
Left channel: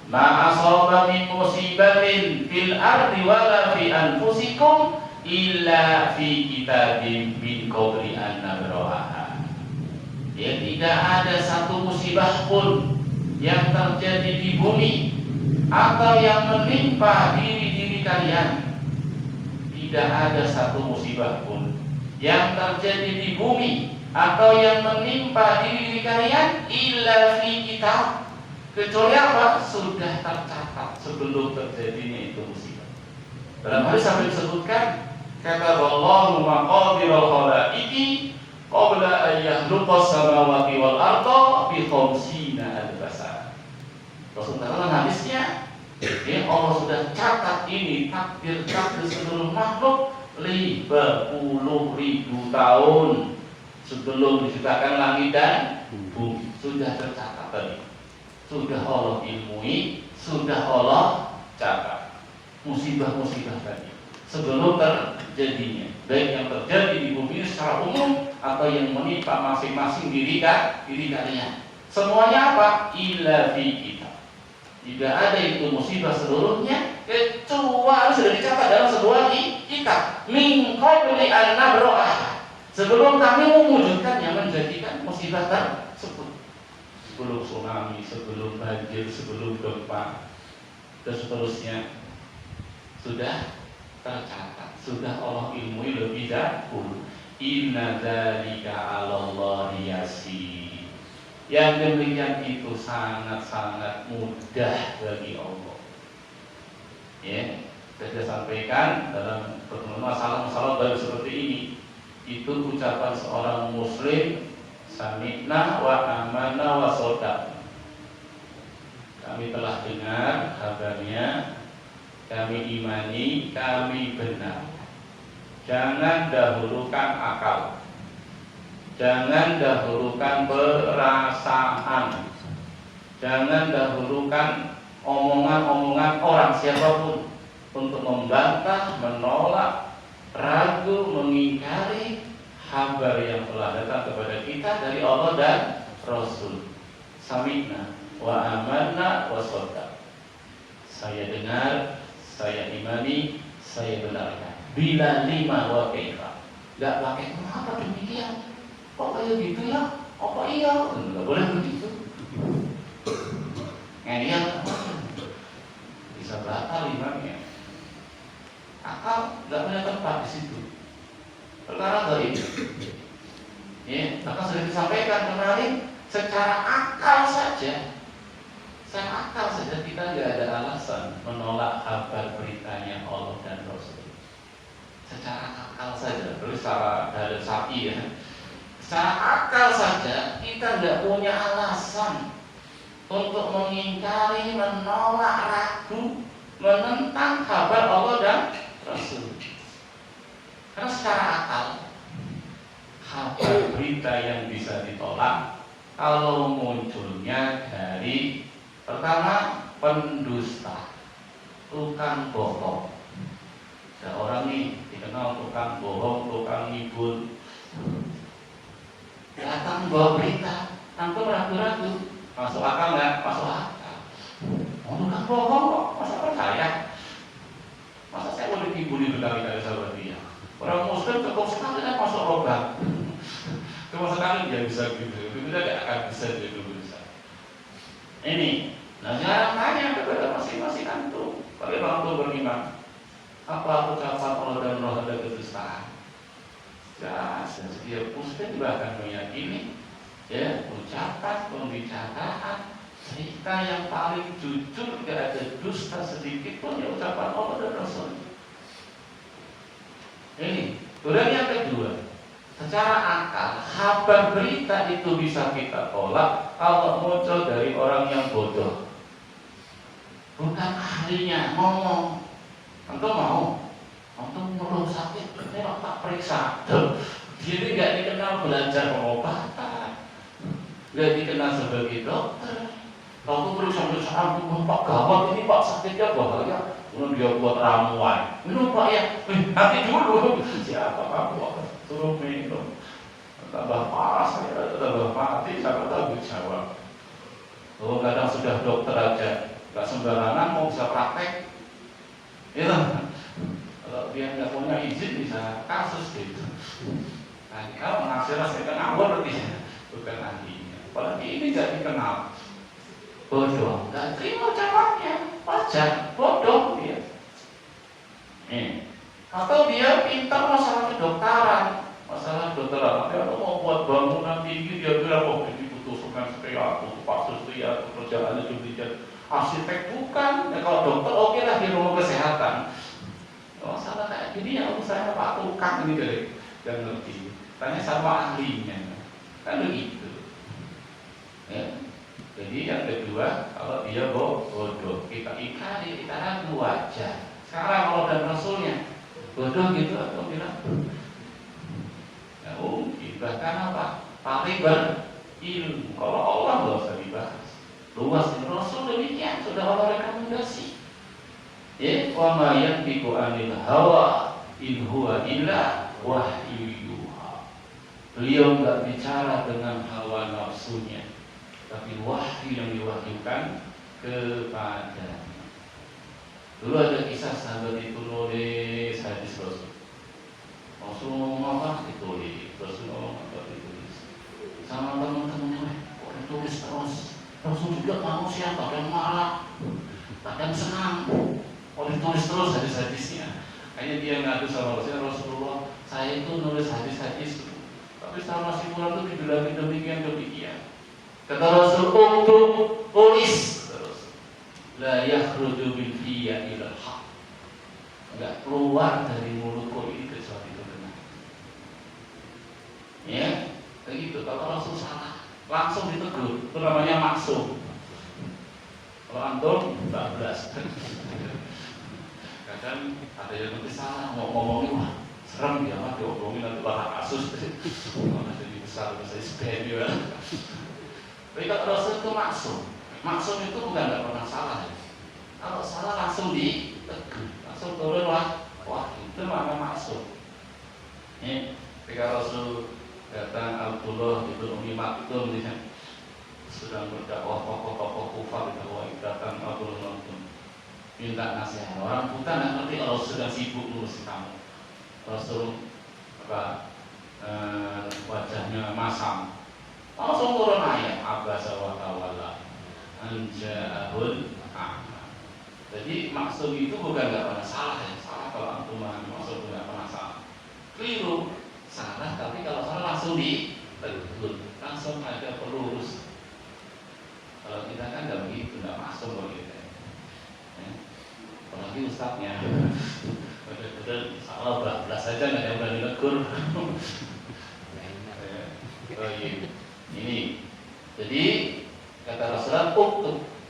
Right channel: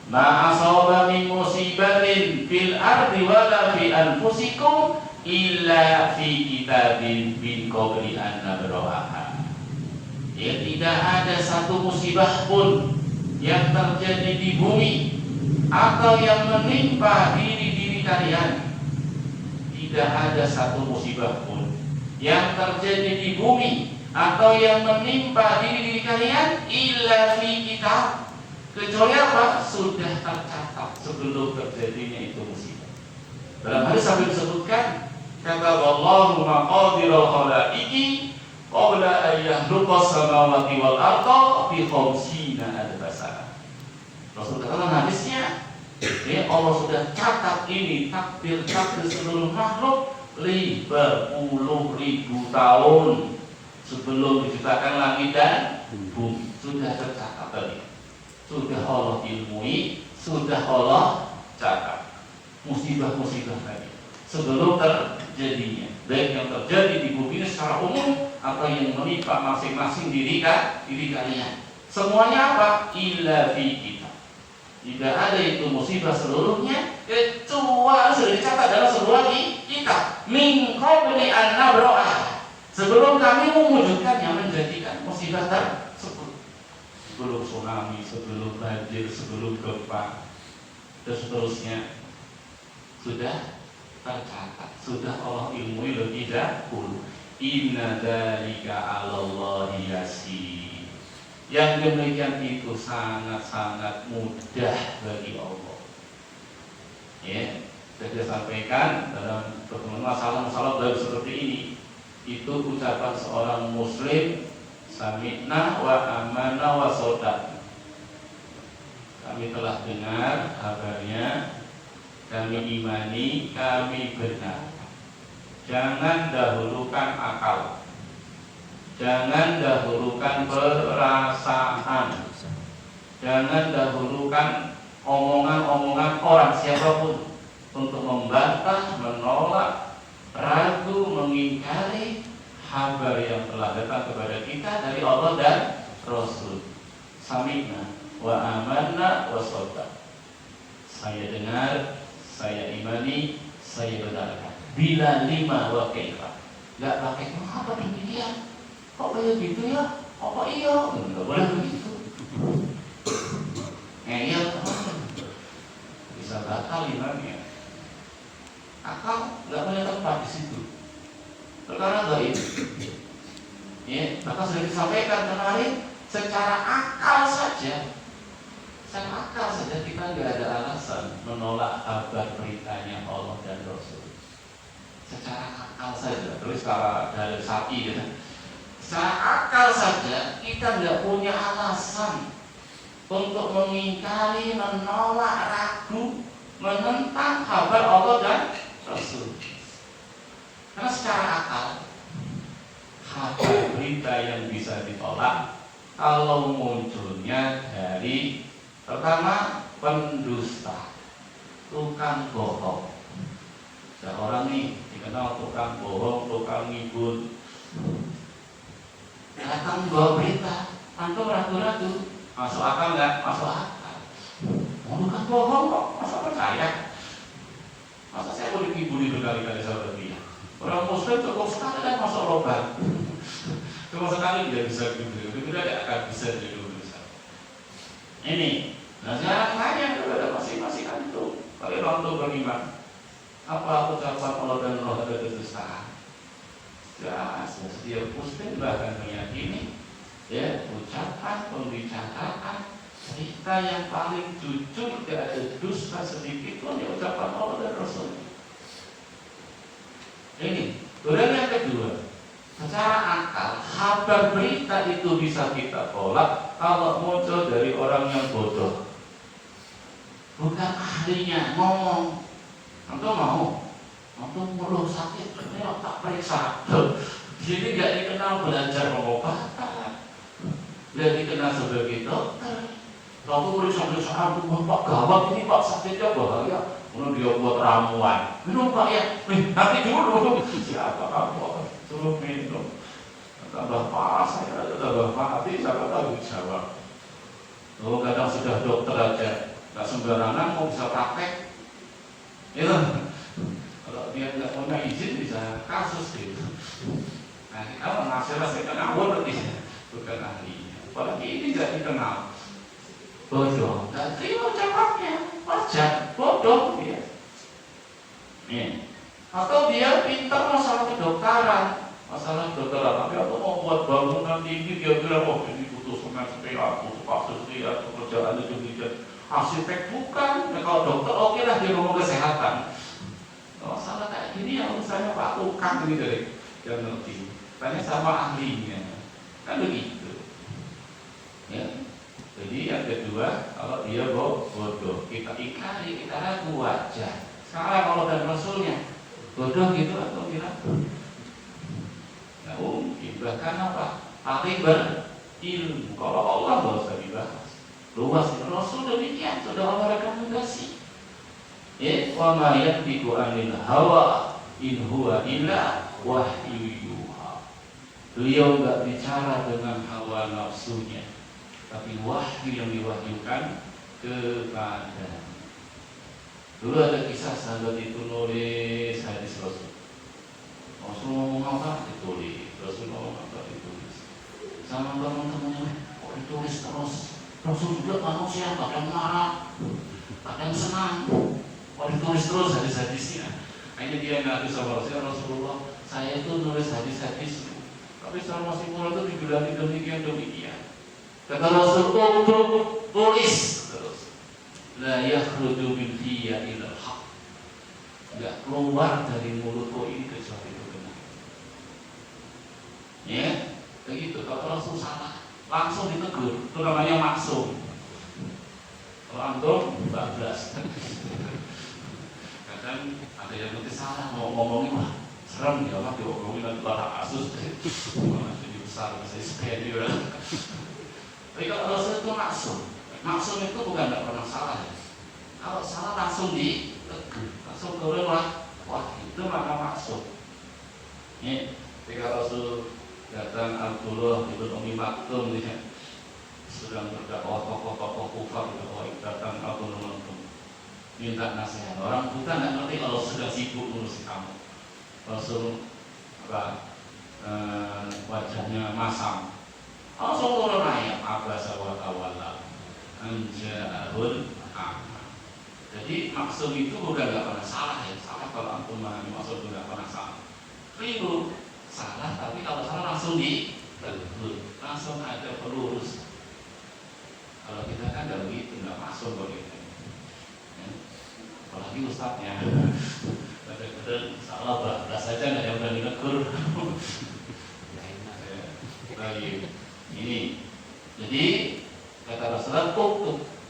Ma asaba min musibatin fil ardi wala fi anfusikum illa fi kitabin min qabli an nabraha. Ya, tidak ada satu musibah pun yang terjadi di bumi atau yang menimpa diri kalian. Tidak ada satu musibah pun yang terjadi di bumi atau yang menimpa diri kalian illa fi kitab, kecuali apa? Sudah tercatat sebelum terjadinya itu musibah. Dalam hadis sampai disebutkan, kata Allahu maqadirul khalaiqi qabla an yakhluqas samawati wal arda bi khamsina alf sana. Rasulullah hadisnya, ya, Allah sudah catat ini takdir seluruh makhluk 50.000 tahun sebelum diciptakan langit dan bumi. Sudah tercatat tadi. Sudah Allah ilmui, sudah Allah catat musibah-musibah tadi sebelum terjadinya, baik yang terjadi di bumi secara umum atau yang menimpa masing-masing diri kalian. Semuanya apa? Illa fi kitab. Tidak ada itu musibah seluruhnya kecuali sudah dicatat dalam sebuah kitab. Min qabli an nabra'ah. Sebelum kami mewujudkannya, menjadikan musibah tersebut. Sebelum tsunami, sebelum banjir, sebelum gempa, dan seterusnya sudah tercatat, sudah Allah ilmui lebih dahulu. Inna dzalika 'alallahi yasir. Yang demikian itu sangat-sangat mudah bagi Allah. Ya, saya sampaikan dalam masalah-masalah baru seperti ini. Itu ucapan seorang muslim, sami'na wa amanna wa sodaq. Kami telah dengar kabarnya, kami imani, kami benar. Jangan dahulukan akal, jangan dahulukan perasaan, jangan dahulukan omongan-omongan orang siapapun untuk membantah, menolak, ragu, mengingkari kabar yang telah datang kepada kita dari Allah dan Rasul. Sami'na wa amanna wa sodaq. Saya dengar, saya imani, saya benarkan. Bila lima wa kaifa. Gak pakai kenapa demikian? Kok kayak gitu ya? Kok iya? Gak boleh begitu. Ngeyel, bisa batal imamnya. Akal nggak boleh tempat di situ. Perkara gaib. Ya, maka sudah disampaikan kemarin, secara akal saja kita nggak ada alasan menolak kabar beritanya Allah dan Rasul. Secara akal saja, terus kalau dari sapi ya, secara akal saja kita nggak punya alasan untuk mengingkari, menolak, ragu, menentang kabar Allah dan Rasul. Karena secara akal kabar berita yang bisa ditolak kalau munculnya dari pertama pendusta, tukang bohong. Ada orang nih dikenal tukang bohong, tukang ngibul, datang bawa berita, tanpa ragu-ragu, masuk akal nggak? Masuk akal. Mau tukang bohong kok, masa percaya? Masa saya boleh dikibuli berkali-kali sahabat dia? Orang muslim cukup sekali kan masuk lubang. Cukup sekali dia bisa dikibuli, itu tidak akan bisa dikibuli. Ini, nah sekarang tanya kepada masing-masing antum, kalian orang tua beriman, Apa ucapan Allah dan Rasul ada kedustaan? Ya, setiap muslim juga akan meyakini ya ucapan, pembicaraan, cerita yang paling jujur, tidak ada dusta sedikit pun ya ucapan Allah dan Rasul. Ini. Kemudian yang kedua, secara akal kabar berita itu bisa kita tolak kalau muncul dari orang yang bodoh, bukan ahlinya ngomong. Antum mau, antum perlu sakit, ini tak periksa. Jadi nggak dikenal belajar pengobatan, nggak dikenal sebagai dokter. Aku periksa Pak gawat ini Pak sakitnya bahaya. Kemudian dia buat ramuan, minum Pak ya, nanti dulu. Siapa kamu? Suruh minum. Tambah parah saya, tambah mati, siapa tahu jawab. Oh kadang sudah dokter aja, nggak sembarangan mau bisa praktek. Ya, kalau dia nggak punya izin bisa kasus gitu. Nah, kalau hasilnya saya kenal berarti bukan ahlinya. Apalagi ini nggak dikenal, bodoh, nggak terima jawabnya, wajar, bodoh dia. Atau dia pintar masalah kedokteran, tapi aku mau buat bangunan tinggi dia bilang oh ini butuh semen sekian, butuh pasir sekian, pekerjaannya demikian. Arsitek bukan, ya, kalau dokter oke lah dia ngomong kesehatan. Masalah kayak gini ya misalnya Pak Tukang ini dari yang ngerti, tanya sama ahlinya, kan begitu. Ya. Jadi yang kedua, kalau dia bodoh, kita ikari, kita ragu wajar. Sekarang kalau dan Rasulnya bodoh gitu atau bilang, ya mungkin bahkan apa? Paling berilmu. Kalau Allah nggak usah dibahas. Luas Rasul demikian sudah Allah rekomendasi. Wa ma yantiqu anil hawa in huwa illa wahyu yuha. Beliau enggak bicara dengan hawa nafsunya, tapi wahyu yang diwahyukan kepadanya. Dulu ada kisah sahabat itu nulis hadis Rasul. Rasul ngomong apa ditulis, Rasul ngomong apa ditulis. Sama teman-temannya kok ditulis terus. Rasul juga manusia, kadang marah, kadang senang. Oh ditulis terus hadis-hadisnya. Kayaknya dia ngadu sama Rasulullah, saya itu nulis hadis-hadis, tapi setelah masih pulang itu dibilangin demikian. Kata Rasul, untuk tulis terus. La yakhruju min fiyya ilal haq. Enggak keluar dari mulutku ini kecuali itu benar. Ya, begitu. Kalau Rasul salah, langsung ditegur. Itu namanya maksum. Kalau antum bablas. Kadang ada yang nanti salah mau ngomongin mah serem ya mah diomongin nanti bahasa asus jadi besar bahasa superior. Tapi kalau Rasul itu maksum itu bukan nggak pernah salah ya. Kalau salah langsung ditegur, langsung turun wah itu nama maksum. Ini ketika Rasul datang Abdullah ibn Umi Maktum dia sedang berdakwah tokoh-tokoh kufar itu datang Abdullah Maktum minta nasihat. Orang bukan nggak ngerti kalau sudah sibuk ngurusin kamu. Rasul wajahnya masam. Langsung turun ayat Abbas wa tawalla anja'ahul a'ma. Jadi maksud itu bukan nggak pernah salah ya. Salah kalau antum memahami maksud nggak pernah salah. Keliru salah, tapi kalau salah langsung ditegur, langsung ada pelurus. Kalau kita kan nggak begitu, nggak masuk begitu. Apalagi ustadznya betul-betul salah bablas saja nggak yang berani negur. Ini jadi kata Rasulullah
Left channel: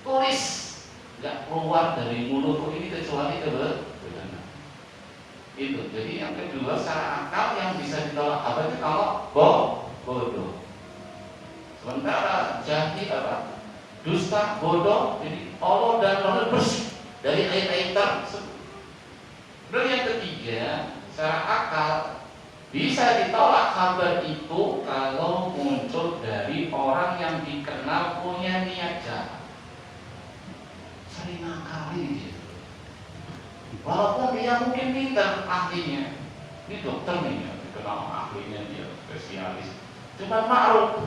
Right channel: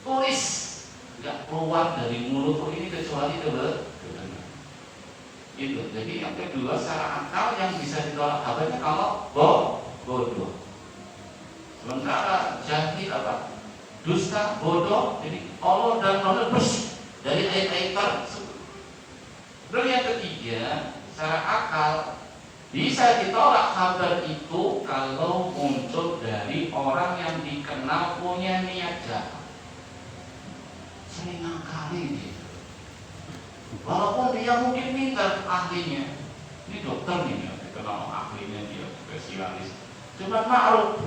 tulis, nggak keluar dari mulutku ini kecuali kebenaran. Itu. Jadi yang kedua secara akal yang bisa ditolak apanya kalau bodoh. Sementara jahil apa? Dusta, bodoh. Jadi Allah dan Rasul bersih dari ayat-ayat tersebut. Dan yang ketiga, secara akal bisa ditolak kabar itu kalau muncul dari orang yang dikenal punya niat jahat. Sering ngakali dia. Walaupun dia mungkin pintar ahlinya, ini dokter nih ya, dikenal ahlinya dia spesialis. Cuma naruh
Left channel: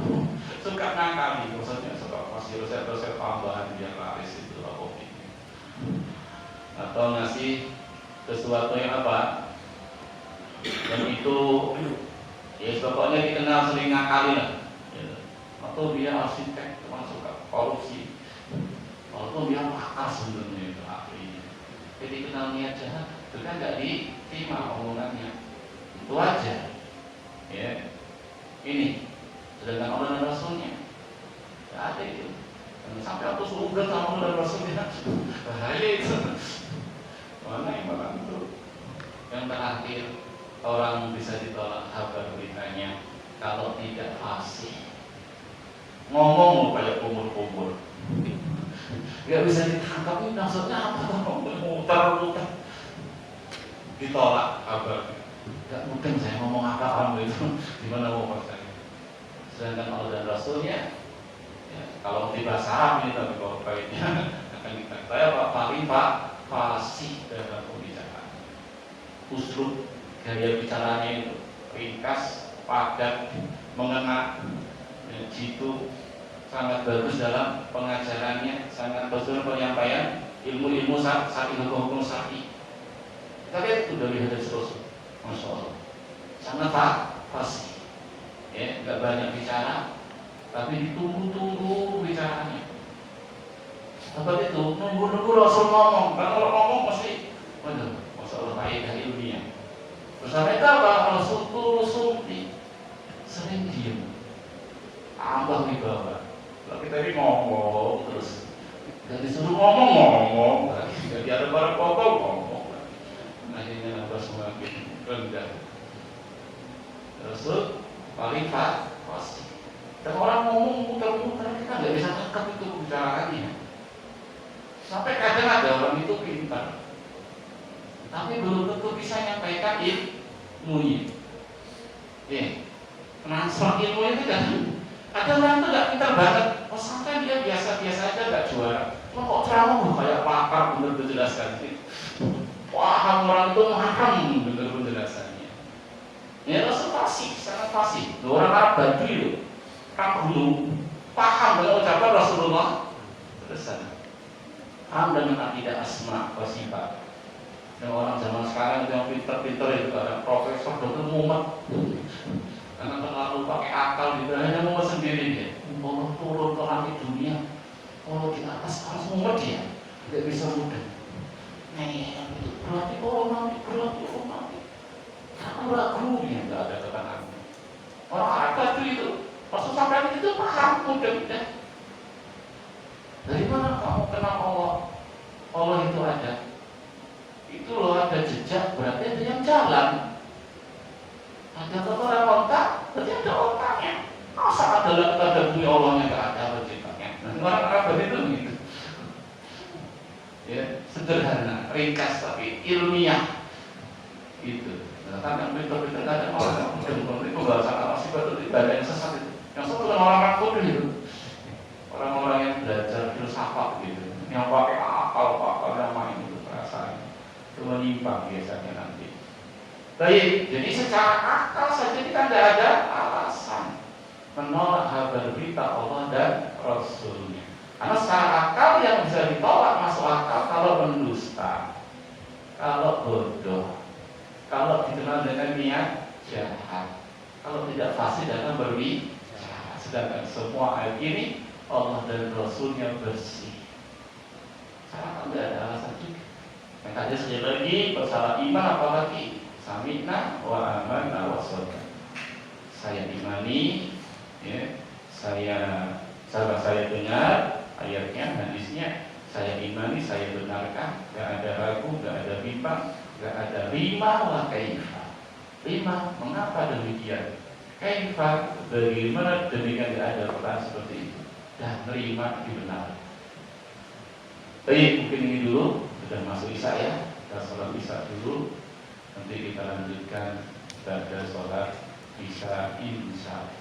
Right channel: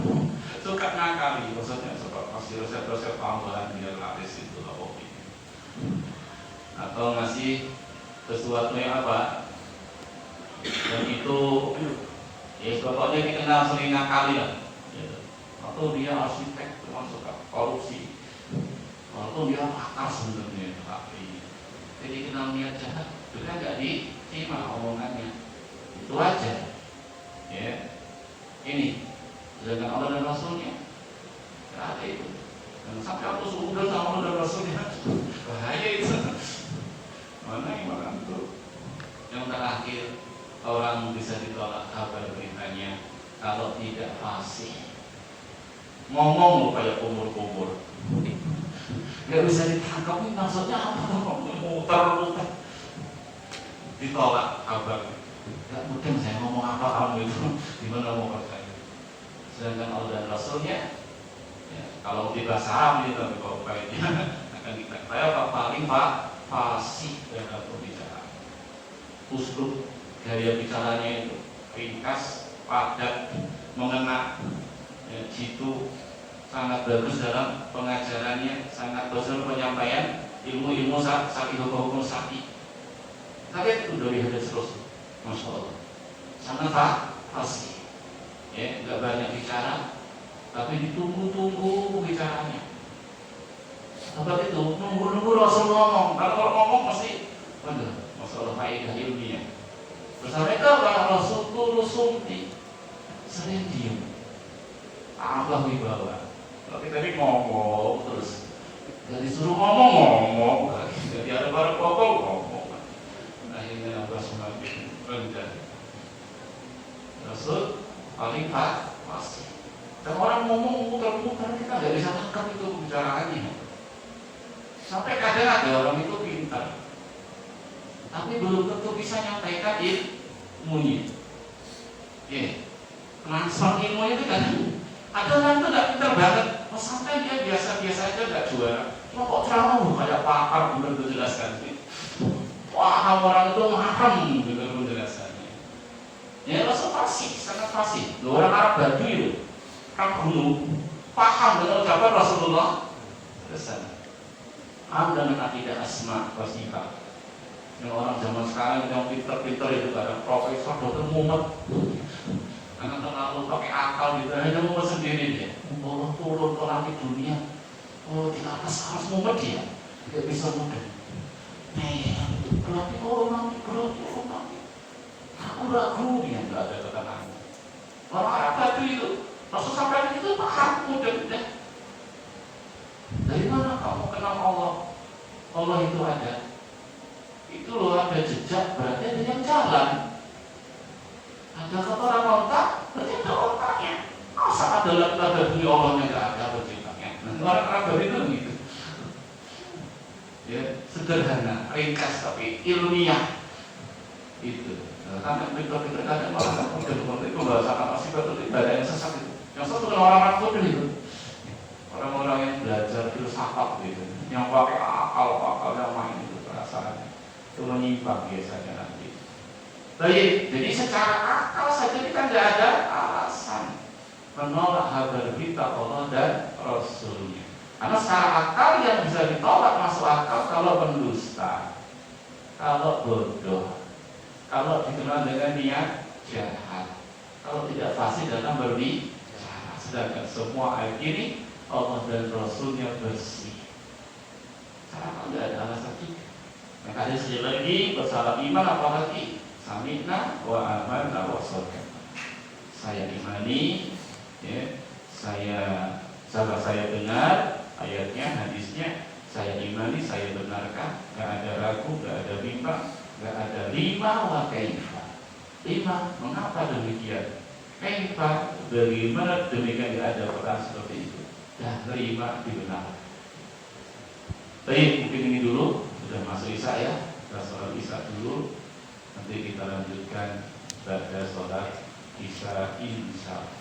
suka ngakali, maksudnya suka kasih resep-resep tambahan biar laris itu apa ini. Atau ngasih sesuatu yang apa? Dan itu ya pokoknya dikenal sering ngakali lah. Ya. Atau dia arsitek termasuk korupsi, atau dia makar sebenarnya ahli. Jadi kenal niat jahat, itu kan nggak diterima omongannya. Itu aja. Ya, ini sedangkan Allah dan Rasulnya nggak ada itu. Dan sampai aku sudah sama Allah dan Rasulnya, bahaya itu. Mana ibarat itu? Yang terakhir, orang bisa ditolak kabar beritanya kalau tidak fasih. Ngomong kayak kumur-kumur, nggak bisa ditangkap. Ini maksudnya apa? Muter-muter, ditolak kabar. Gak mungkin saya ngomong apa kamu itu, gimana mau percaya? Sedangkan Allah dan Rasulnya, ya, kalau di bahasa Arab ini, tapi kalau baiknya akan kita ketahui apa paling fasih dalam pembicaraan. Uslub gaya bicaranya itu ringkas, padat, mengena, ya, jitu, sangat bagus dalam pengajarannya, sangat bagus dalam penyampaian ilmu-ilmu syar'i, hukum syar'i. Kita lihat itu dari hadis Rasul, Masya Allah, sangat fasih, ya, nggak banyak bicara, tapi ditunggu-tunggu bicaranya. Sebab itu nunggu-nunggu Rasul ngomong. Kalau ngomong mesti benar, Masya Allah, faedah ilmiah. Terus mereka Rasul turun sumpi, sering diam, tambah wibawa. Tapi tadi ngomong terus, jadi suruh ngomong, jadi ada barang pokok ngomong. Akhirnya apa semakin rendah. Rasul paling fasih. Dan orang ngomong muter-muter, kita nggak bisa tangkap itu bicaraannya. Sampai kadang ada orang itu pintar, tapi belum tentu bisa nyampaikan ilmunya. Transfer ilmunya itu kan, ada orang itu nggak pintar banget, sampai dia biasa-biasa aja nggak juara. Kok ceramah kayak pakar bener menjelaskan sih. Wah, orang itu maham bener penjelasannya. Ya Rasul fasih, sangat fasih. Orang Arab Badui, orang gunung, paham dengan ucapan Rasulullah. Selesai. Dengan akidah asma wa sifat. Yang orang zaman sekarang yang pinter-pinter itu ada profesor, dokter mumet, karena terlalu pakai akal gitu, hanya mumet sendiri dia. Turun ke langit dunia, di atas harus mumet dia, tidak bisa mudah. Berarti turun nanti, kamu ragu dia, nggak ada tekanan. Orang Arab tadi itu, Rasul sampai itu paham mudah. Dari mana kamu kenal Allah? Allah itu ada. Itu loh, ada jejak, berarti ada yang jalan. Ada orang otak, berarti ada otaknya. Masa ada bunyi Allahnya nggak ada penciptanya? Orang Arab itu begitu. Ya, sederhana, ringkas tapi ilmiah. Itu. Karena pintar-pintar ada malah itu pembahasan apa sih betul ibadah yang sesat itu. Yang satu kan orang-orang bodoh itu. Orang-orang yang belajar filsafat gitu, yang pakai akal yang main itu perasaan itu menyimpang biasanya nanti. Baik, jadi secara akal saja kita tidak ada alasan menolak kabar berita Allah dan Rasulnya. Karena secara akal yang bisa ditolak masuk akal kalau mendusta, kalau bodoh, kalau dikenal dengan niat jahat, kalau tidak fasih dalam berbicara. Sedangkan semua ayat ini Allah dan Rasulnya bersih. Karena tidak ada alasan juga. Yang tadi sekali lagi masalah iman apalagi sami'na wa amanna wa shadaqna. Saya imani, ya, saya dengar ayatnya, hadisnya, saya imani, saya benarkan, tidak ada ragu, tidak ada bimbang, tidak ada lima wa kaifa. Lima, mengapa demikian? Kaifa, bagaimana demikian tidak ada pertanyaan seperti itu? Dan lima dibenarkan. Baik, mungkin ini dulu. Sudah masuk isya ya. Kita sholat isya dulu. Nanti kita lanjutkan pada sholat isya insya Allah.